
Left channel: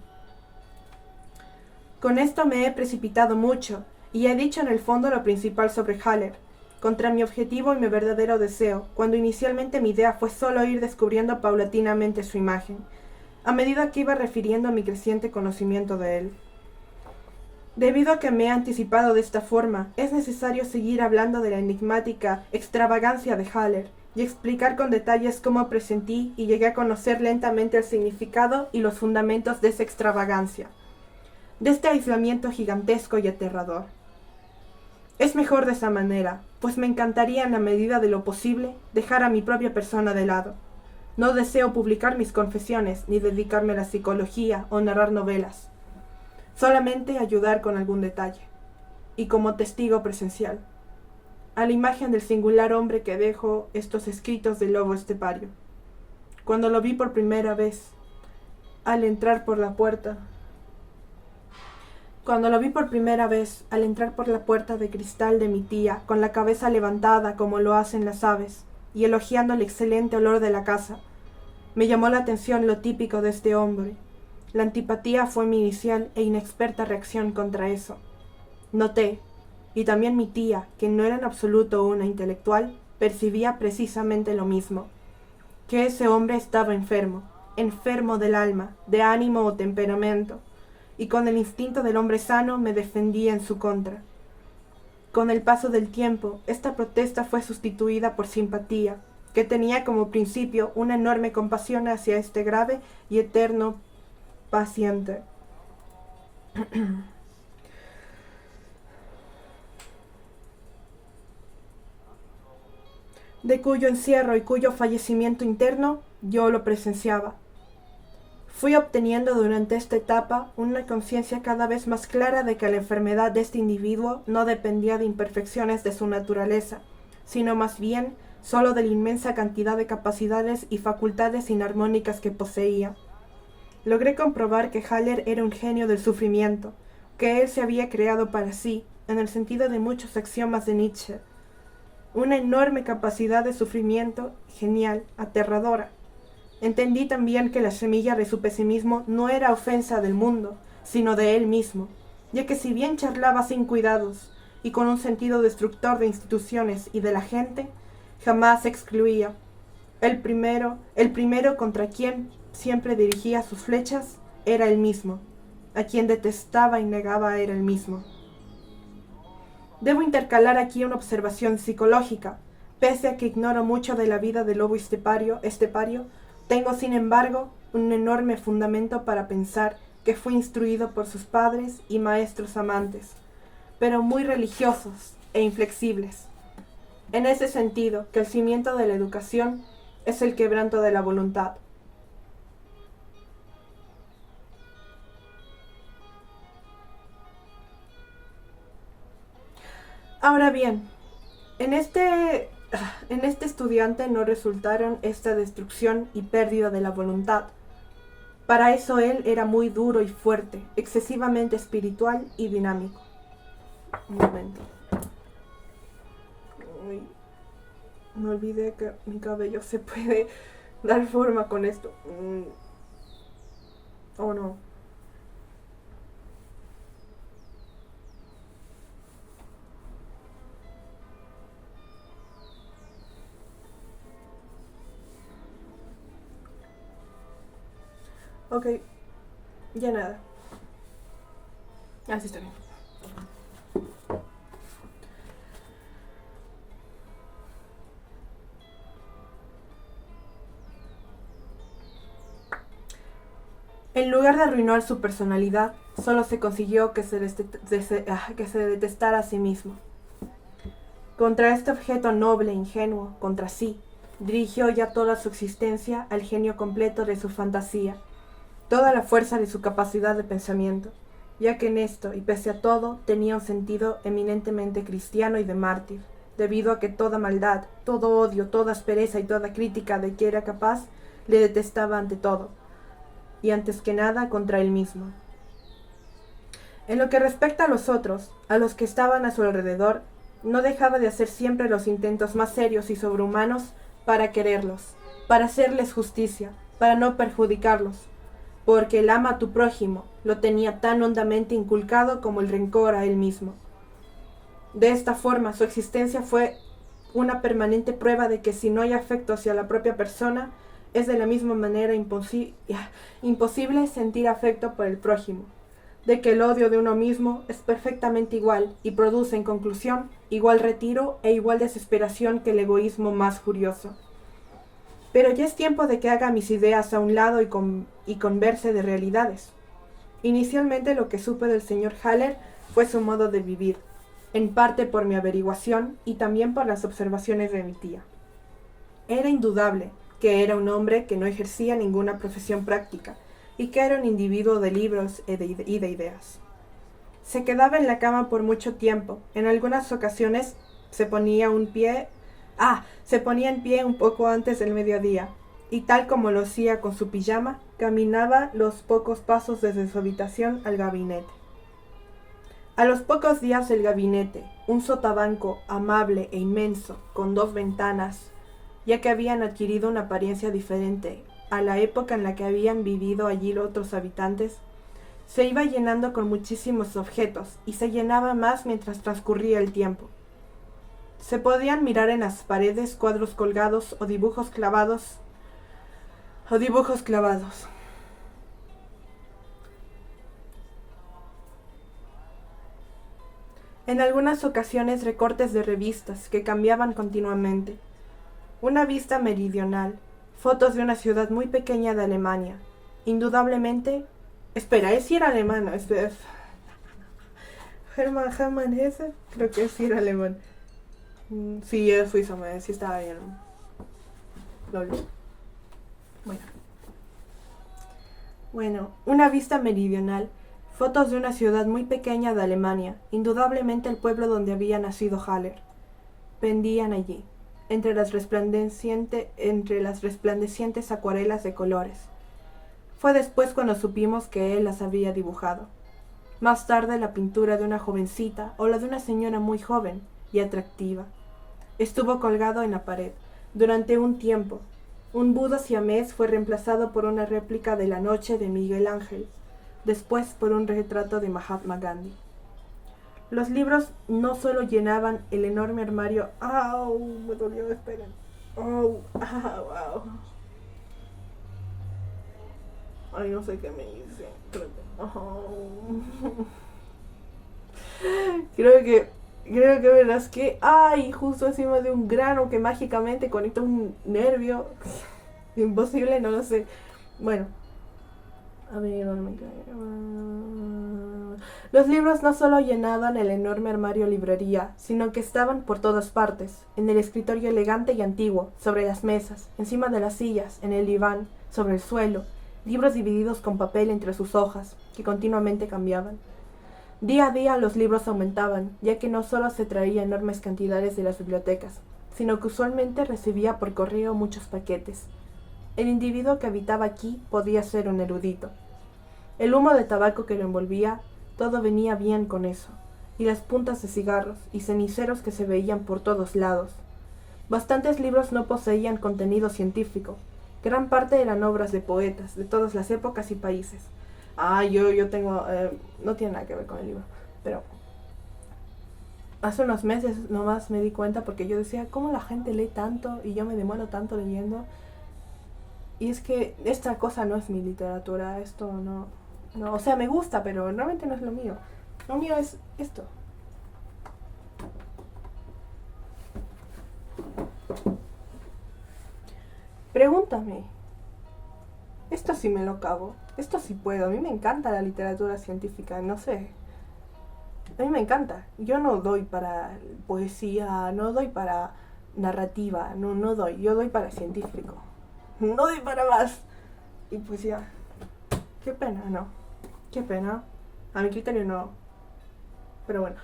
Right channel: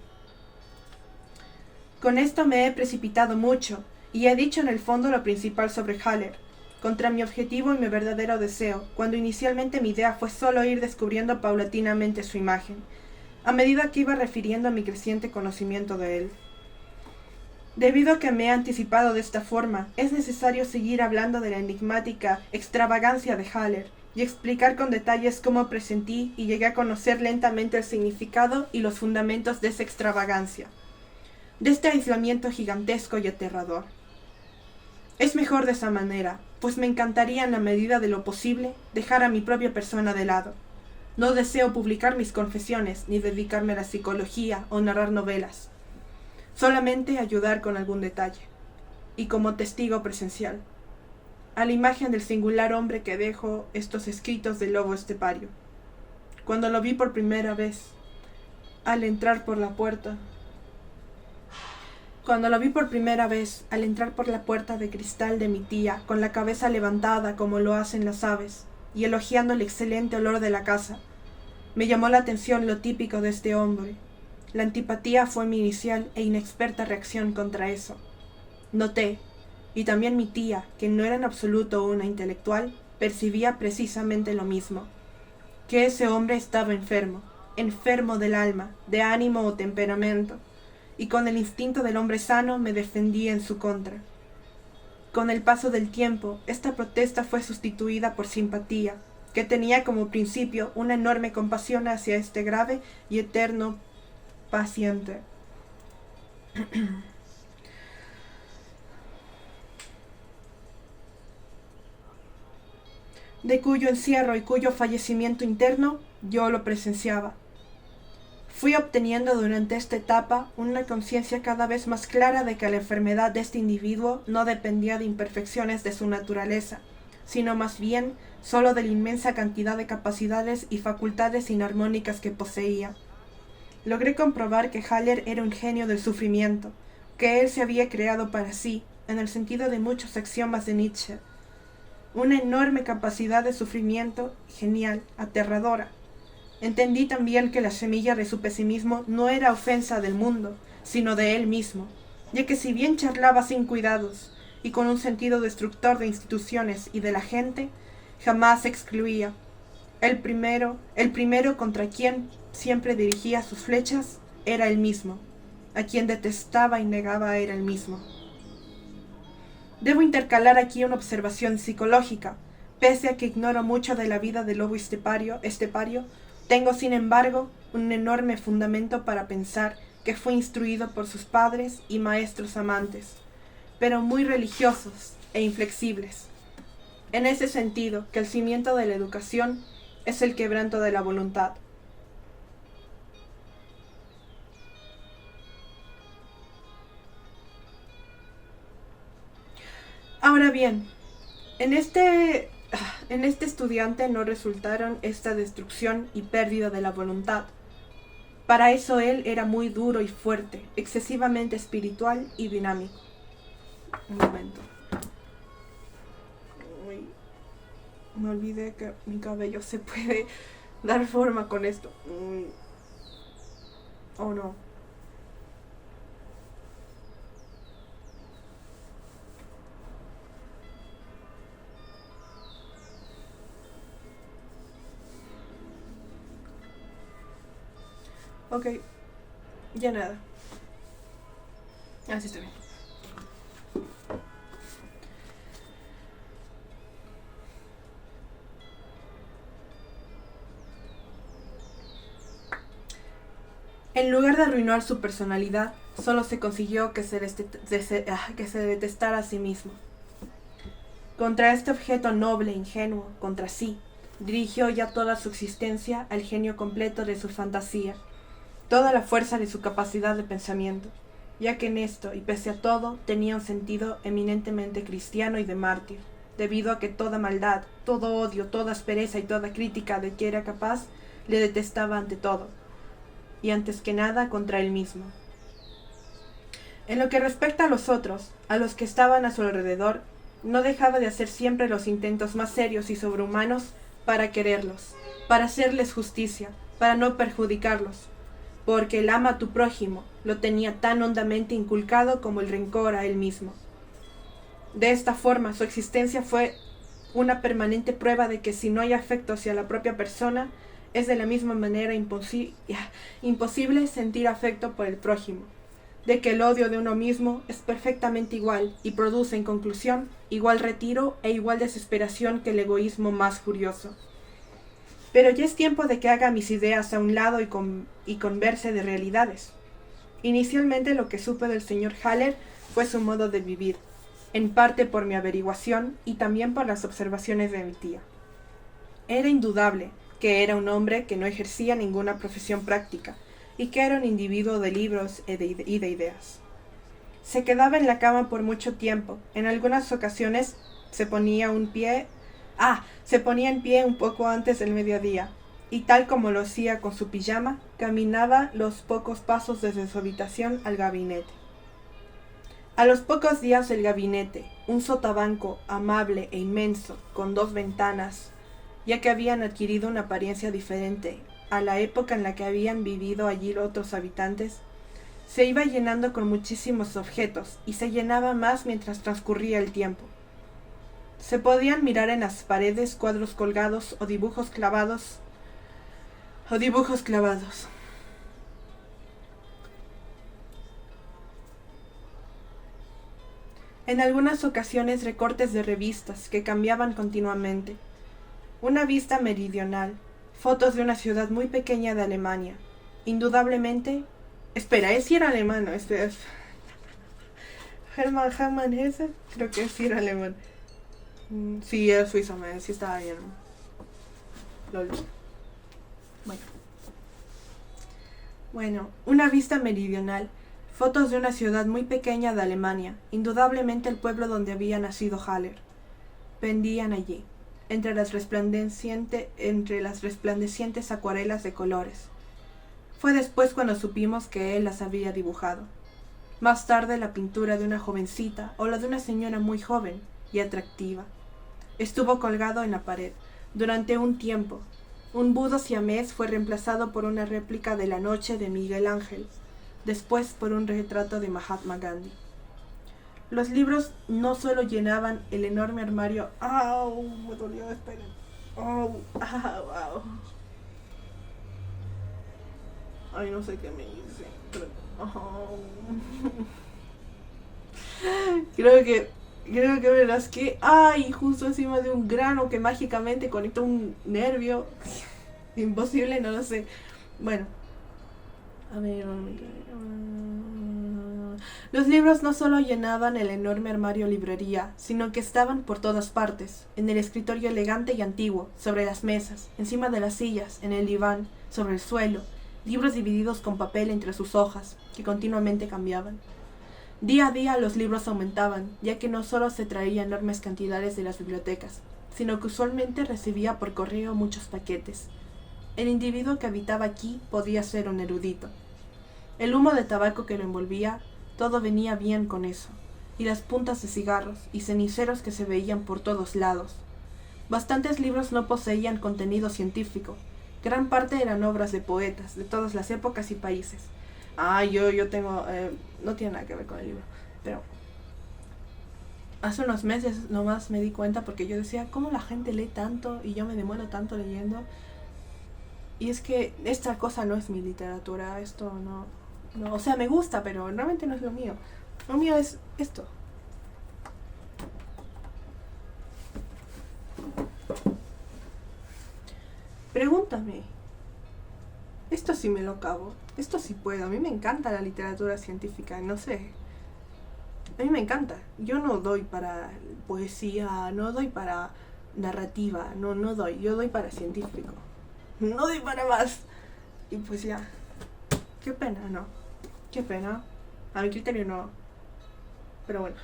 Con esto me he precipitado mucho, y he dicho en el fondo lo principal sobre Haller, contra mi objetivo y mi verdadero deseo, cuando inicialmente mi idea fue solo ir descubriendo paulatinamente su imagen, a medida que iba refiriendo a mi creciente conocimiento de él. Debido a que me he anticipado de esta forma, es necesario seguir hablando de la enigmática extravagancia de Haller y explicar con detalles cómo presentí y llegué a conocer lentamente el significado y los fundamentos de esa extravagancia, de este aislamiento gigantesco y aterrador. Es mejor de esa manera, pues me encantaría en la medida de lo posible dejar a mi propia persona de lado. No deseo publicar mis confesiones, ni dedicarme a la psicología o narrar novelas. Solamente ayudar con algún detalle, y como testigo presencial, a la imagen del singular hombre que dejo estos escritos del lobo estepario. Cuando lo vi por primera vez, al entrar por la puerta de cristal de mi tía, con la cabeza levantada como lo hacen las aves, y elogiando el excelente olor de la casa, me llamó la atención lo típico de este hombre. La antipatía fue mi inicial e inexperta reacción contra eso. Noté, y también mi tía, que no era en absoluto una intelectual, percibía precisamente lo mismo, que ese hombre estaba enfermo, enfermo del alma, de ánimo o temperamento, y con el instinto del hombre sano me defendía en su contra. Con el paso del tiempo, esta protesta fue sustituida por simpatía, que tenía como principio una enorme compasión hacia este grave y eterno paciente. De cuyo encierro y cuyo fallecimiento interno yo lo presenciaba. Fui obteniendo durante esta etapa una conciencia cada vez más clara de que la enfermedad de este individuo no dependía de imperfecciones de su naturaleza, sino más bien solo de la inmensa cantidad de capacidades y facultades inarmónicas que poseía. Logré comprobar que Haller era un genio del sufrimiento, que él se había creado para sí, en el sentido de muchos axiomas de Nietzsche. Una enorme capacidad de sufrimiento, genial, aterradora. Entendí también que la semilla de su pesimismo no era ofensa del mundo, sino de él mismo, ya que si bien charlaba sin cuidados y con un sentido destructor de instituciones y de la gente, jamás excluía. El primero contra quien siempre dirigía sus flechas era él mismo, a quien detestaba y negaba era él mismo. Debo intercalar aquí una observación psicológica. Pese a que ignoro mucho de la vida del lobo estepario, tengo sin embargo un enorme fundamento para pensar que fue instruido por sus padres y maestros amantes, pero muy religiosos e inflexibles. En ese sentido, que el cimiento de la educación es el quebranto de la voluntad. Ahora bien, En este estudiante no resultaron esta destrucción y pérdida de la voluntad. Para eso él era muy duro y fuerte, excesivamente espiritual y dinámico. Un momento. Uy, me olvidé que mi cabello se puede dar forma con esto. Oh no. Ok, ya nada. Así está bien. En lugar de arruinar su personalidad, solo se consiguió que se detestara a sí mismo. Contra este objeto noble e ingenuo, contra sí, dirigió ya toda su existencia al genio completo de su fantasía, toda la fuerza de su capacidad de pensamiento, ya que en esto, y pese a todo, tenía un sentido eminentemente cristiano y de mártir, debido a que toda maldad, todo odio, toda aspereza y toda crítica de que era capaz, le detestaba ante todo, y antes que nada contra él mismo. En lo que respecta a los otros, a los que estaban a su alrededor, no dejaba de hacer siempre los intentos más serios y sobrehumanos para quererlos, para hacerles justicia, para no perjudicarlos, porque el ama a tu prójimo lo tenía tan hondamente inculcado como el rencor a él mismo. De esta forma, su existencia fue una permanente prueba de que si no hay afecto hacia la propia persona, es de la misma manera imposible sentir afecto por el prójimo, de que el odio de uno mismo es perfectamente igual y produce en conclusión igual retiro e igual desesperación que el egoísmo más furioso. Pero ya es tiempo de que haga mis ideas a un lado y converse de realidades. Inicialmente lo que supe del señor Haller fue su modo de vivir, en parte por mi averiguación y también por las observaciones de mi tía. Era indudable que era un hombre que no ejercía ninguna profesión práctica y que era un individuo de libros y de ideas. Se quedaba en la cama por mucho tiempo. En algunas ocasiones se ponía en pie un poco antes del mediodía, y tal como lo hacía con su pijama, caminaba los pocos pasos desde su habitación al gabinete. A los pocos días el gabinete, un sotabanco amable e inmenso, con 2 ventanas, ya que habían adquirido una apariencia diferente a la época en la que habían vivido allí otros habitantes, se iba llenando con muchísimos objetos y se llenaba más mientras transcurría el tiempo. Se podían mirar en las paredes cuadros colgados o dibujos clavados. En algunas ocasiones recortes de revistas que cambiaban continuamente. Una vista meridional, fotos de una ciudad muy pequeña de Alemania. Indudablemente... Espera, ¿es si era alemán? Espera. Hermann Hesse, creo que sí era alemán. Sí, era suizo, sí estaba bien. Lol. Bueno, una vista meridional, fotos de una ciudad muy pequeña de Alemania, indudablemente el pueblo donde había nacido Haller. Pendían allí, entre las resplandecientes acuarelas de colores. Fue después cuando supimos que él las había dibujado. Más tarde la pintura de una jovencita o la de una señora muy joven y atractiva. Estuvo colgado en la pared. Durante un tiempo, un Buda siamés fue reemplazado por una réplica de La Noche de Miguel Ángel, después por un retrato de Mahatma Gandhi. Los libros no solo llenaban el enorme armario... ¡Au! Me dolió, esperen. ¡Au! ¡Au! Ay, no sé qué me hice. Creo que me rasqué. Ay, justo encima de un grano que mágicamente conectó un nervio. Imposible, no lo sé. Bueno. A ver, los libros no solo llenaban el enorme armario librería, sino que estaban por todas partes, en el escritorio elegante y antiguo, sobre las mesas, encima de las sillas, en el diván, sobre el suelo, libros divididos con papel entre sus hojas, que continuamente cambiaban. Día a día los libros aumentaban, ya que no solo se traía enormes cantidades de las bibliotecas, sino que usualmente recibía por correo muchos paquetes. El individuo que habitaba aquí podía ser un erudito. El humo de tabaco que lo envolvía, todo venía bien con eso, y las puntas de cigarros y ceniceros que se veían por todos lados. Bastantes libros no poseían contenido científico. Gran parte eran obras de poetas de todas las épocas y países. Yo tengo... no tiene nada que ver con el libro, pero hace unos meses nomás me di cuenta porque yo decía, ¿cómo la gente lee tanto y yo me demoro tanto leyendo? Y es que esta cosa no es mi literatura, esto no, o sea, me gusta, pero realmente no es lo mío. Lo mío es esto. Pregúntame. Esto sí me lo acabo. Esto sí puedo. A mí me encanta la literatura científica, no sé. A mí me encanta. Yo no doy para poesía, no doy para narrativa, no doy. Yo doy para científico. No doy para más. Y pues ya. Qué pena, ¿no? Qué pena. A mi criterio no. Pero bueno.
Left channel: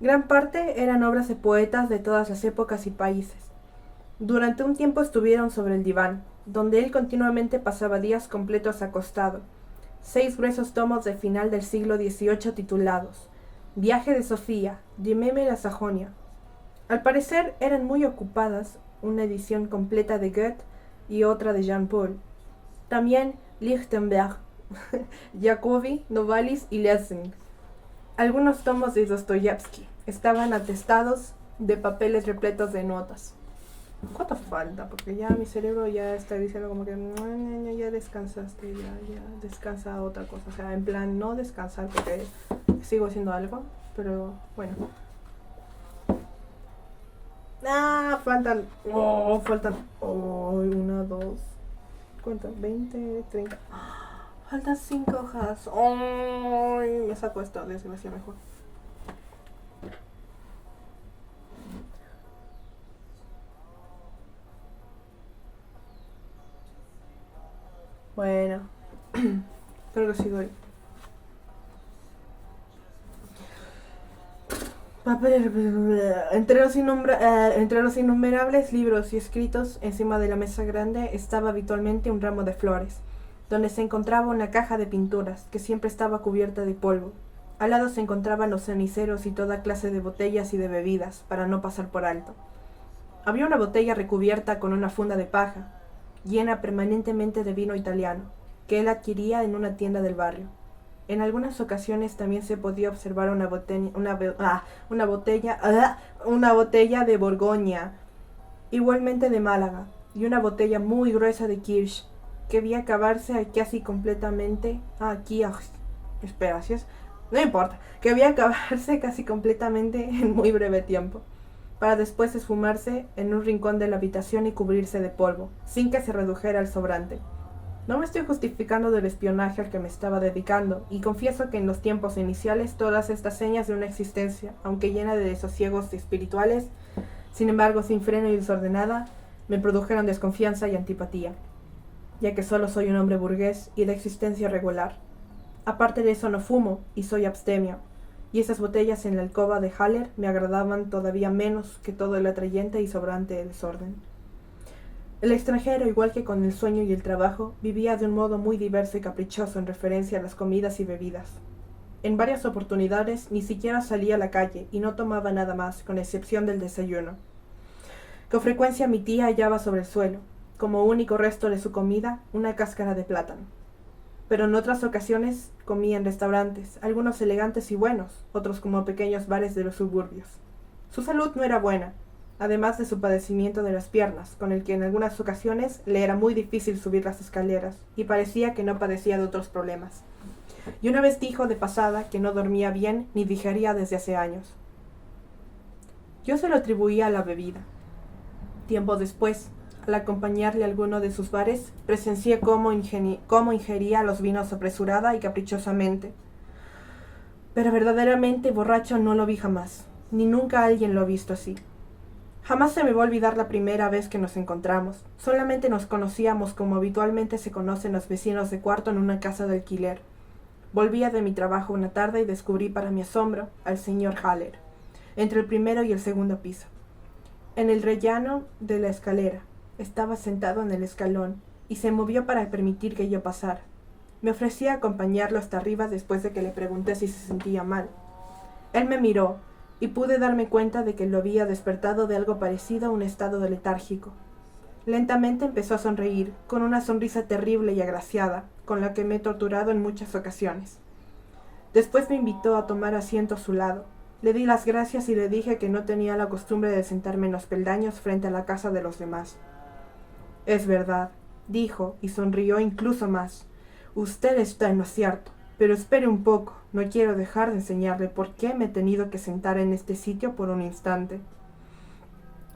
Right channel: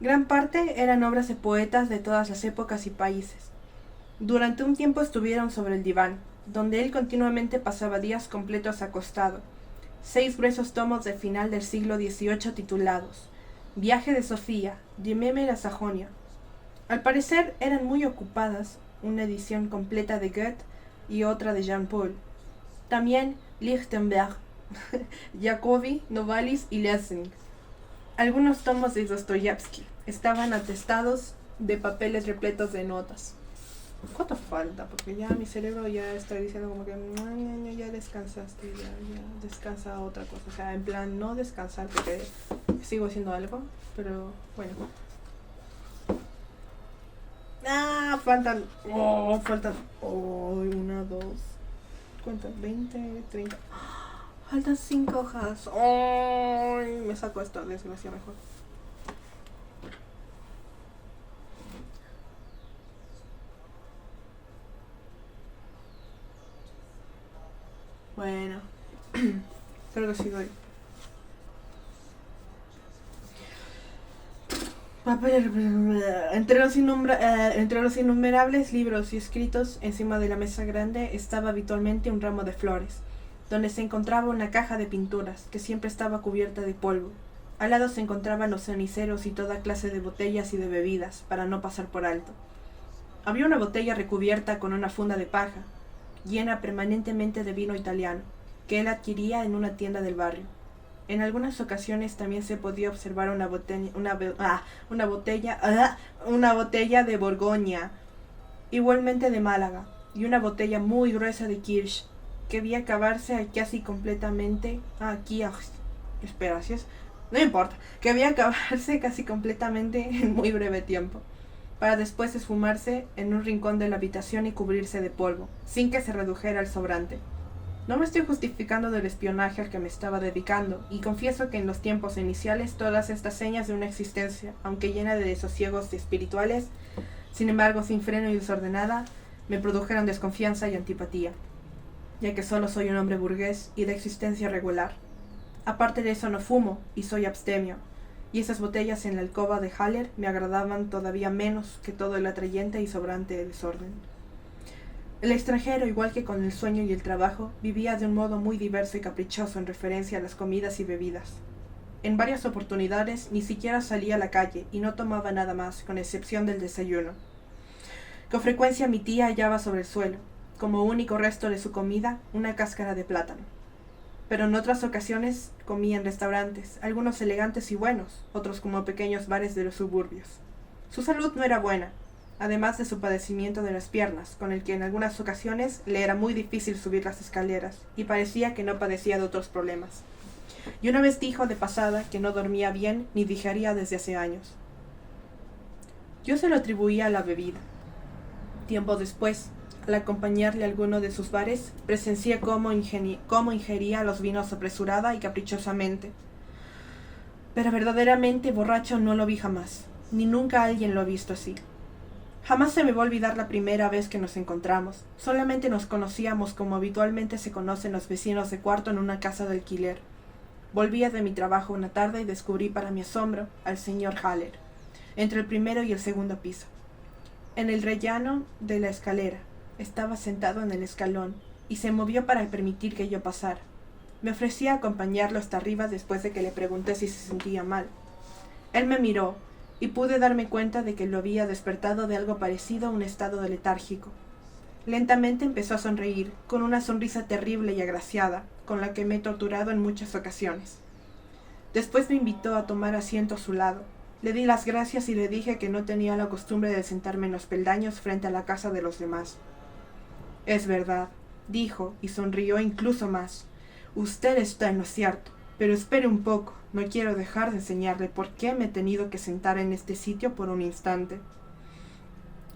Gran parte eran obras de poetas de todas las épocas y países. Durante un tiempo estuvieron sobre el diván, donde él continuamente pasaba días completos acostado. 6 gruesos tomos del final del siglo XVIII titulados Viaje de Sofía, de Meme a Sajonia. Al parecer eran muy ocupadas, una edición completa de Goethe y otra de Jean Paul. También Lichtenberg, Jacobi, Novalis y Lessing. Algunos tomos de Dostoyevsky estaban atestados de papeles repletos de notas. ¿Cuánto falta? Porque ya mi cerebro ya está diciendo como que ya descansaste, ya descansa otra cosa. O sea, en plan no descansar porque sigo haciendo algo, pero bueno. Faltan. Una, dos. ¿Cuánto? 20, 30. Faltan 5 hojas. Me saco esto, desgracia mejor. Bueno, creo que sí doy. Entre los innumerables libros y escritos encima de la mesa grande estaba habitualmente un ramo de flores, donde se encontraba una caja de pinturas que siempre estaba cubierta de polvo. Al lado se encontraban los ceniceros y toda clase de botellas y de bebidas, para no pasar por alto. Había una botella recubierta con una funda de paja, llena permanentemente de vino italiano, que él adquiría en una tienda del barrio. En algunas ocasiones también se podía observar una botella de Borgoña, igualmente de Málaga, y una botella muy gruesa de Kirsch, que debía acabarse casi completamente. No importa, que debía acabarse casi completamente en muy breve tiempo, para después esfumarse en un rincón de la habitación y cubrirse de polvo, sin que se redujera al sobrante. No me estoy justificando del espionaje al que me estaba dedicando, y confieso que en los tiempos iniciales todas estas señas de una existencia, aunque llena de desasiegos espirituales, sin embargo sin freno y desordenada, me produjeron desconfianza y antipatía, ya que solo soy un hombre burgués y de existencia regular. Aparte de eso no fumo y soy abstemio, y esas botellas en la alcoba de Haller me agradaban todavía menos que todo el atrayente y sobrante desorden. El extranjero, igual que con el sueño y el trabajo, vivía de un modo muy diverso y caprichoso en referencia a las comidas y bebidas. En varias oportunidades ni siquiera salía a la calle y no tomaba nada más, con excepción del desayuno. Con frecuencia mi tía hallaba sobre el suelo, como único resto de su comida, una cáscara de plátano. Pero en otras ocasiones comía en restaurantes, algunos elegantes y buenos, otros como pequeños bares de los suburbios. Su salud no era buena, además de su padecimiento de las piernas, con el que en algunas ocasiones le era muy difícil subir las escaleras, y parecía que no padecía de otros problemas. Y una vez dijo de pasada que no dormía bien ni digería desde hace años. Yo se lo atribuía a la bebida. Tiempo después, al acompañarle a alguno de sus bares, presencié cómo ingería los vinos apresurada y caprichosamente. Pero verdaderamente borracho no lo vi jamás, ni nunca alguien lo ha visto así. Jamás se me va a olvidar la primera vez que nos encontramos. Solamente nos conocíamos como habitualmente se conocen los vecinos de cuarto en una casa de alquiler. Volvía de mi trabajo una tarde y descubrí para mi asombro al señor Haller, entre el primero y el segundo piso. En el rellano de la escalera, estaba sentado en el escalón y se movió para permitir que yo pasara. Me ofrecí a acompañarlo hasta arriba después de que le pregunté si se sentía mal. Él me miró y pude darme cuenta de que lo había despertado de algo parecido a un estado de letárgico. Lentamente empezó a sonreír, con una sonrisa terrible y agraciada, con la que me he torturado en muchas ocasiones. Después me invitó a tomar asiento a su lado. Le di las gracias y le dije que no tenía la costumbre de sentarme en los peldaños frente a la casa de los demás. Es verdad, dijo, y sonrió incluso más. Usted está en lo cierto, pero espere un poco, no quiero dejar de enseñarle por qué me he tenido que sentar en este sitio por un instante.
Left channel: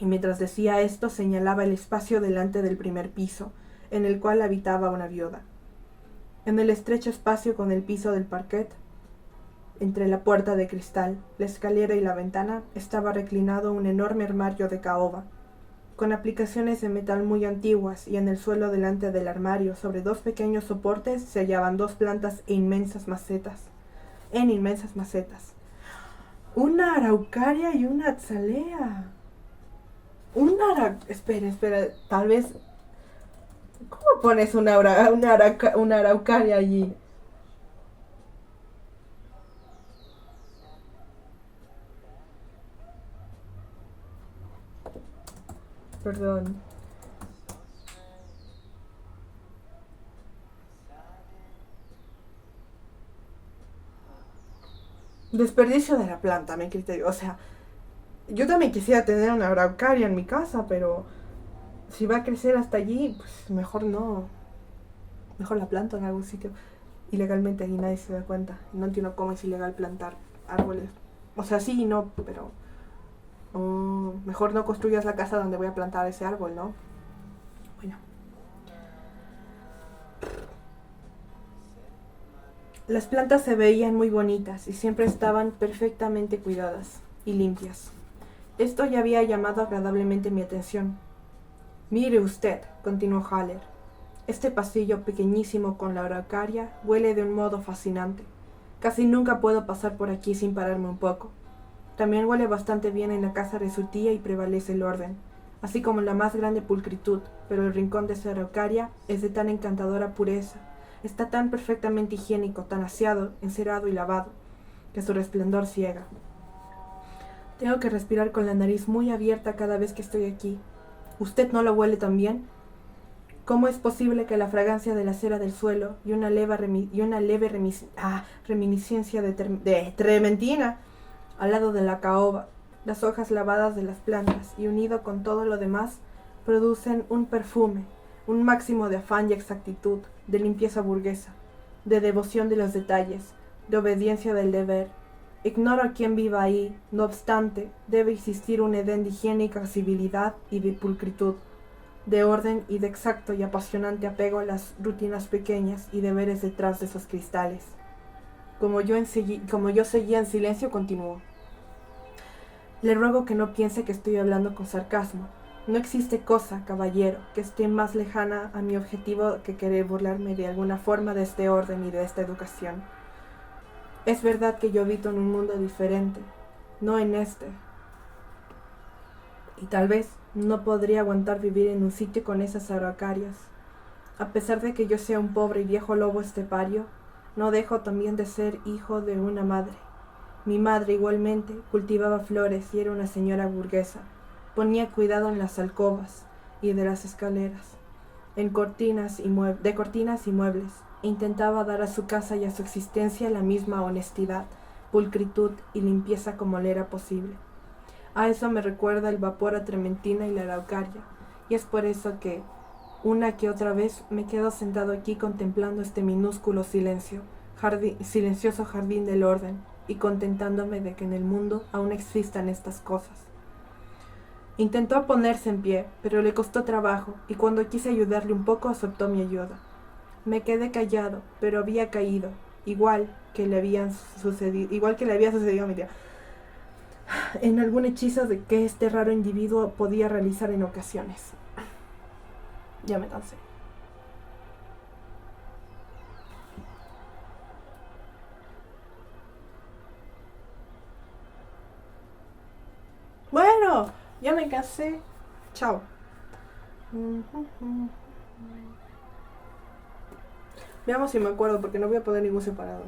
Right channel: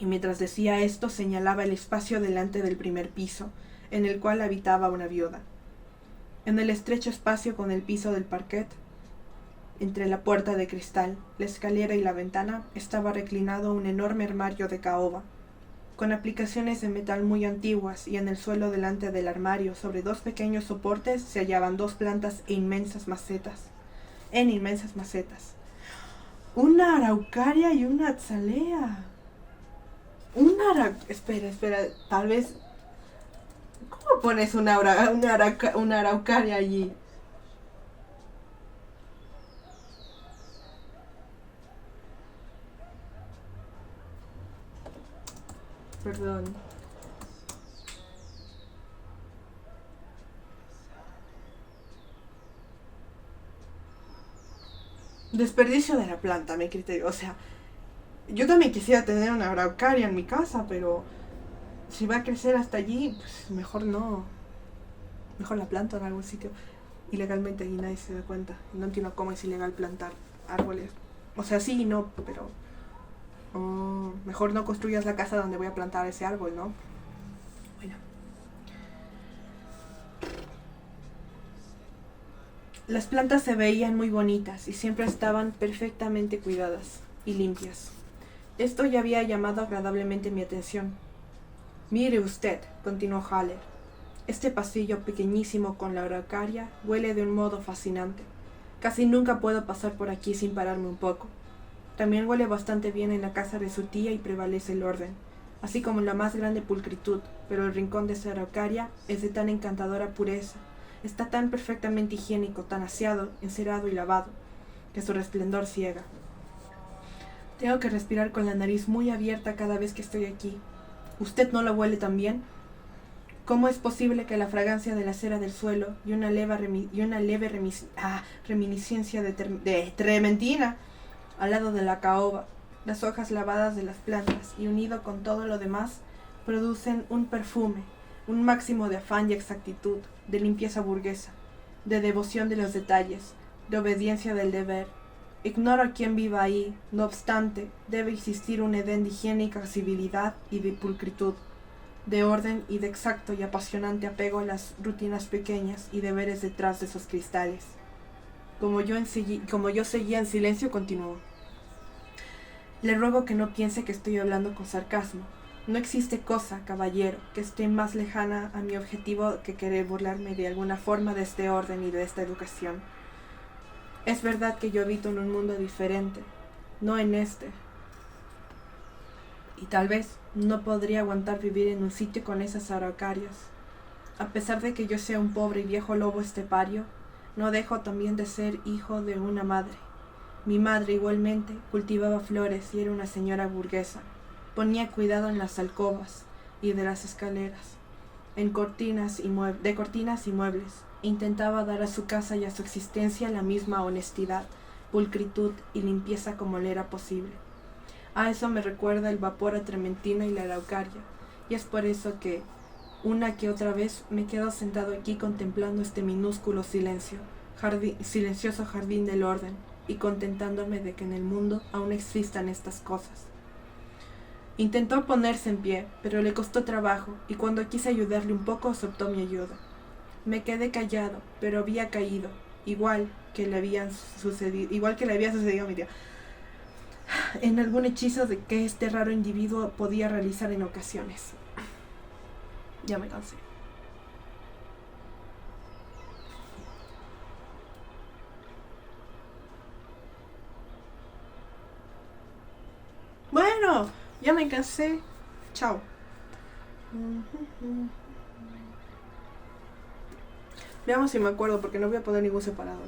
Y mientras decía esto señalaba el espacio delante del primer piso, en el cual habitaba una viuda. En el estrecho espacio con el piso del parquet, entre la puerta de cristal, la escalera y la ventana, estaba reclinado un enorme armario de caoba, con aplicaciones de metal muy antiguas, y en el suelo delante del armario, sobre dos pequeños soportes, se hallaban dos plantas en inmensas macetas. Una araucaria y una azalea. Espera, tal vez... ¿Cómo pones una araucaria allí? Perdón. Desperdicio de la planta, mi criterio. O sea, yo también quisiera tener una araucaria en mi casa, pero si va a crecer hasta allí, pues mejor no. Mejor la planto en algún sitio. Ilegalmente y nadie se da cuenta. No entiendo cómo es ilegal plantar árboles. O sea, sí y no, pero... mejor no construyas la casa donde voy a plantar ese árbol, ¿no? Bueno. Las plantas se veían muy bonitas y siempre estaban perfectamente cuidadas y limpias. Esto ya había llamado agradablemente mi atención. Mire usted, continuó Haller. Este pasillo pequeñísimo con la araucaria huele de un modo fascinante. Casi nunca puedo pasar por aquí sin pararme un poco. También huele bastante bien en la casa de su tía y prevalece el orden, así como la más grande pulcritud, pero el rincón de esa araucaria es de tan encantadora pureza, está tan perfectamente higiénico, tan aseado, encerado y lavado, que su resplandor ciega. Tengo que respirar con la nariz muy abierta cada vez que estoy aquí. ¿Usted no lo huele también? ¿Cómo es posible que la fragancia de la cera del suelo y una leve reminiscencia de trementina al lado de la caoba, las hojas lavadas de las plantas y unido con todo lo demás, producen un perfume, un máximo de afán y exactitud, de limpieza burguesa, de devoción de los detalles, de obediencia del deber? Ignoro quién viva ahí, no obstante, debe existir un edén de higiénica civilidad y de pulcritud, de orden y de exacto y apasionante apego a las rutinas pequeñas y deberes detrás de esos cristales. Como yo seguía en silencio, continuó. Le ruego que no piense que estoy hablando con sarcasmo. No existe cosa, caballero, que esté más lejana a mi objetivo que querer burlarme de alguna forma de este orden y de esta educación. Es verdad que yo habito en un mundo diferente, no en este. Y tal vez no podría aguantar vivir en un sitio con esas araucarias. A pesar de que yo sea un pobre y viejo lobo estepario, no dejo también de ser hijo de una madre. Mi madre igualmente cultivaba flores y era una señora burguesa. Ponía cuidado en las alcobas y de las escaleras, de cortinas y muebles, e intentaba dar a su casa y a su existencia la misma honestidad, pulcritud y limpieza como le era posible. A eso me recuerda el vapor a trementina y la araucaria, y es por eso que, una que otra vez, me quedo sentado aquí contemplando este minúsculo silencioso jardín del orden, y contentándome de que en el mundo aún existan estas cosas. Intentó ponerse en pie, pero le costó trabajo, y cuando quise ayudarle un poco aceptó mi ayuda. Me quedé callado, pero había caído, igual que le había sucedido a mi tía. en algún hechizo de que este raro individuo podía realizar en ocasiones. Ya me cansé. Bueno, ya me cansé. Chao. Veamos si me acuerdo porque no voy a poner ningún separador.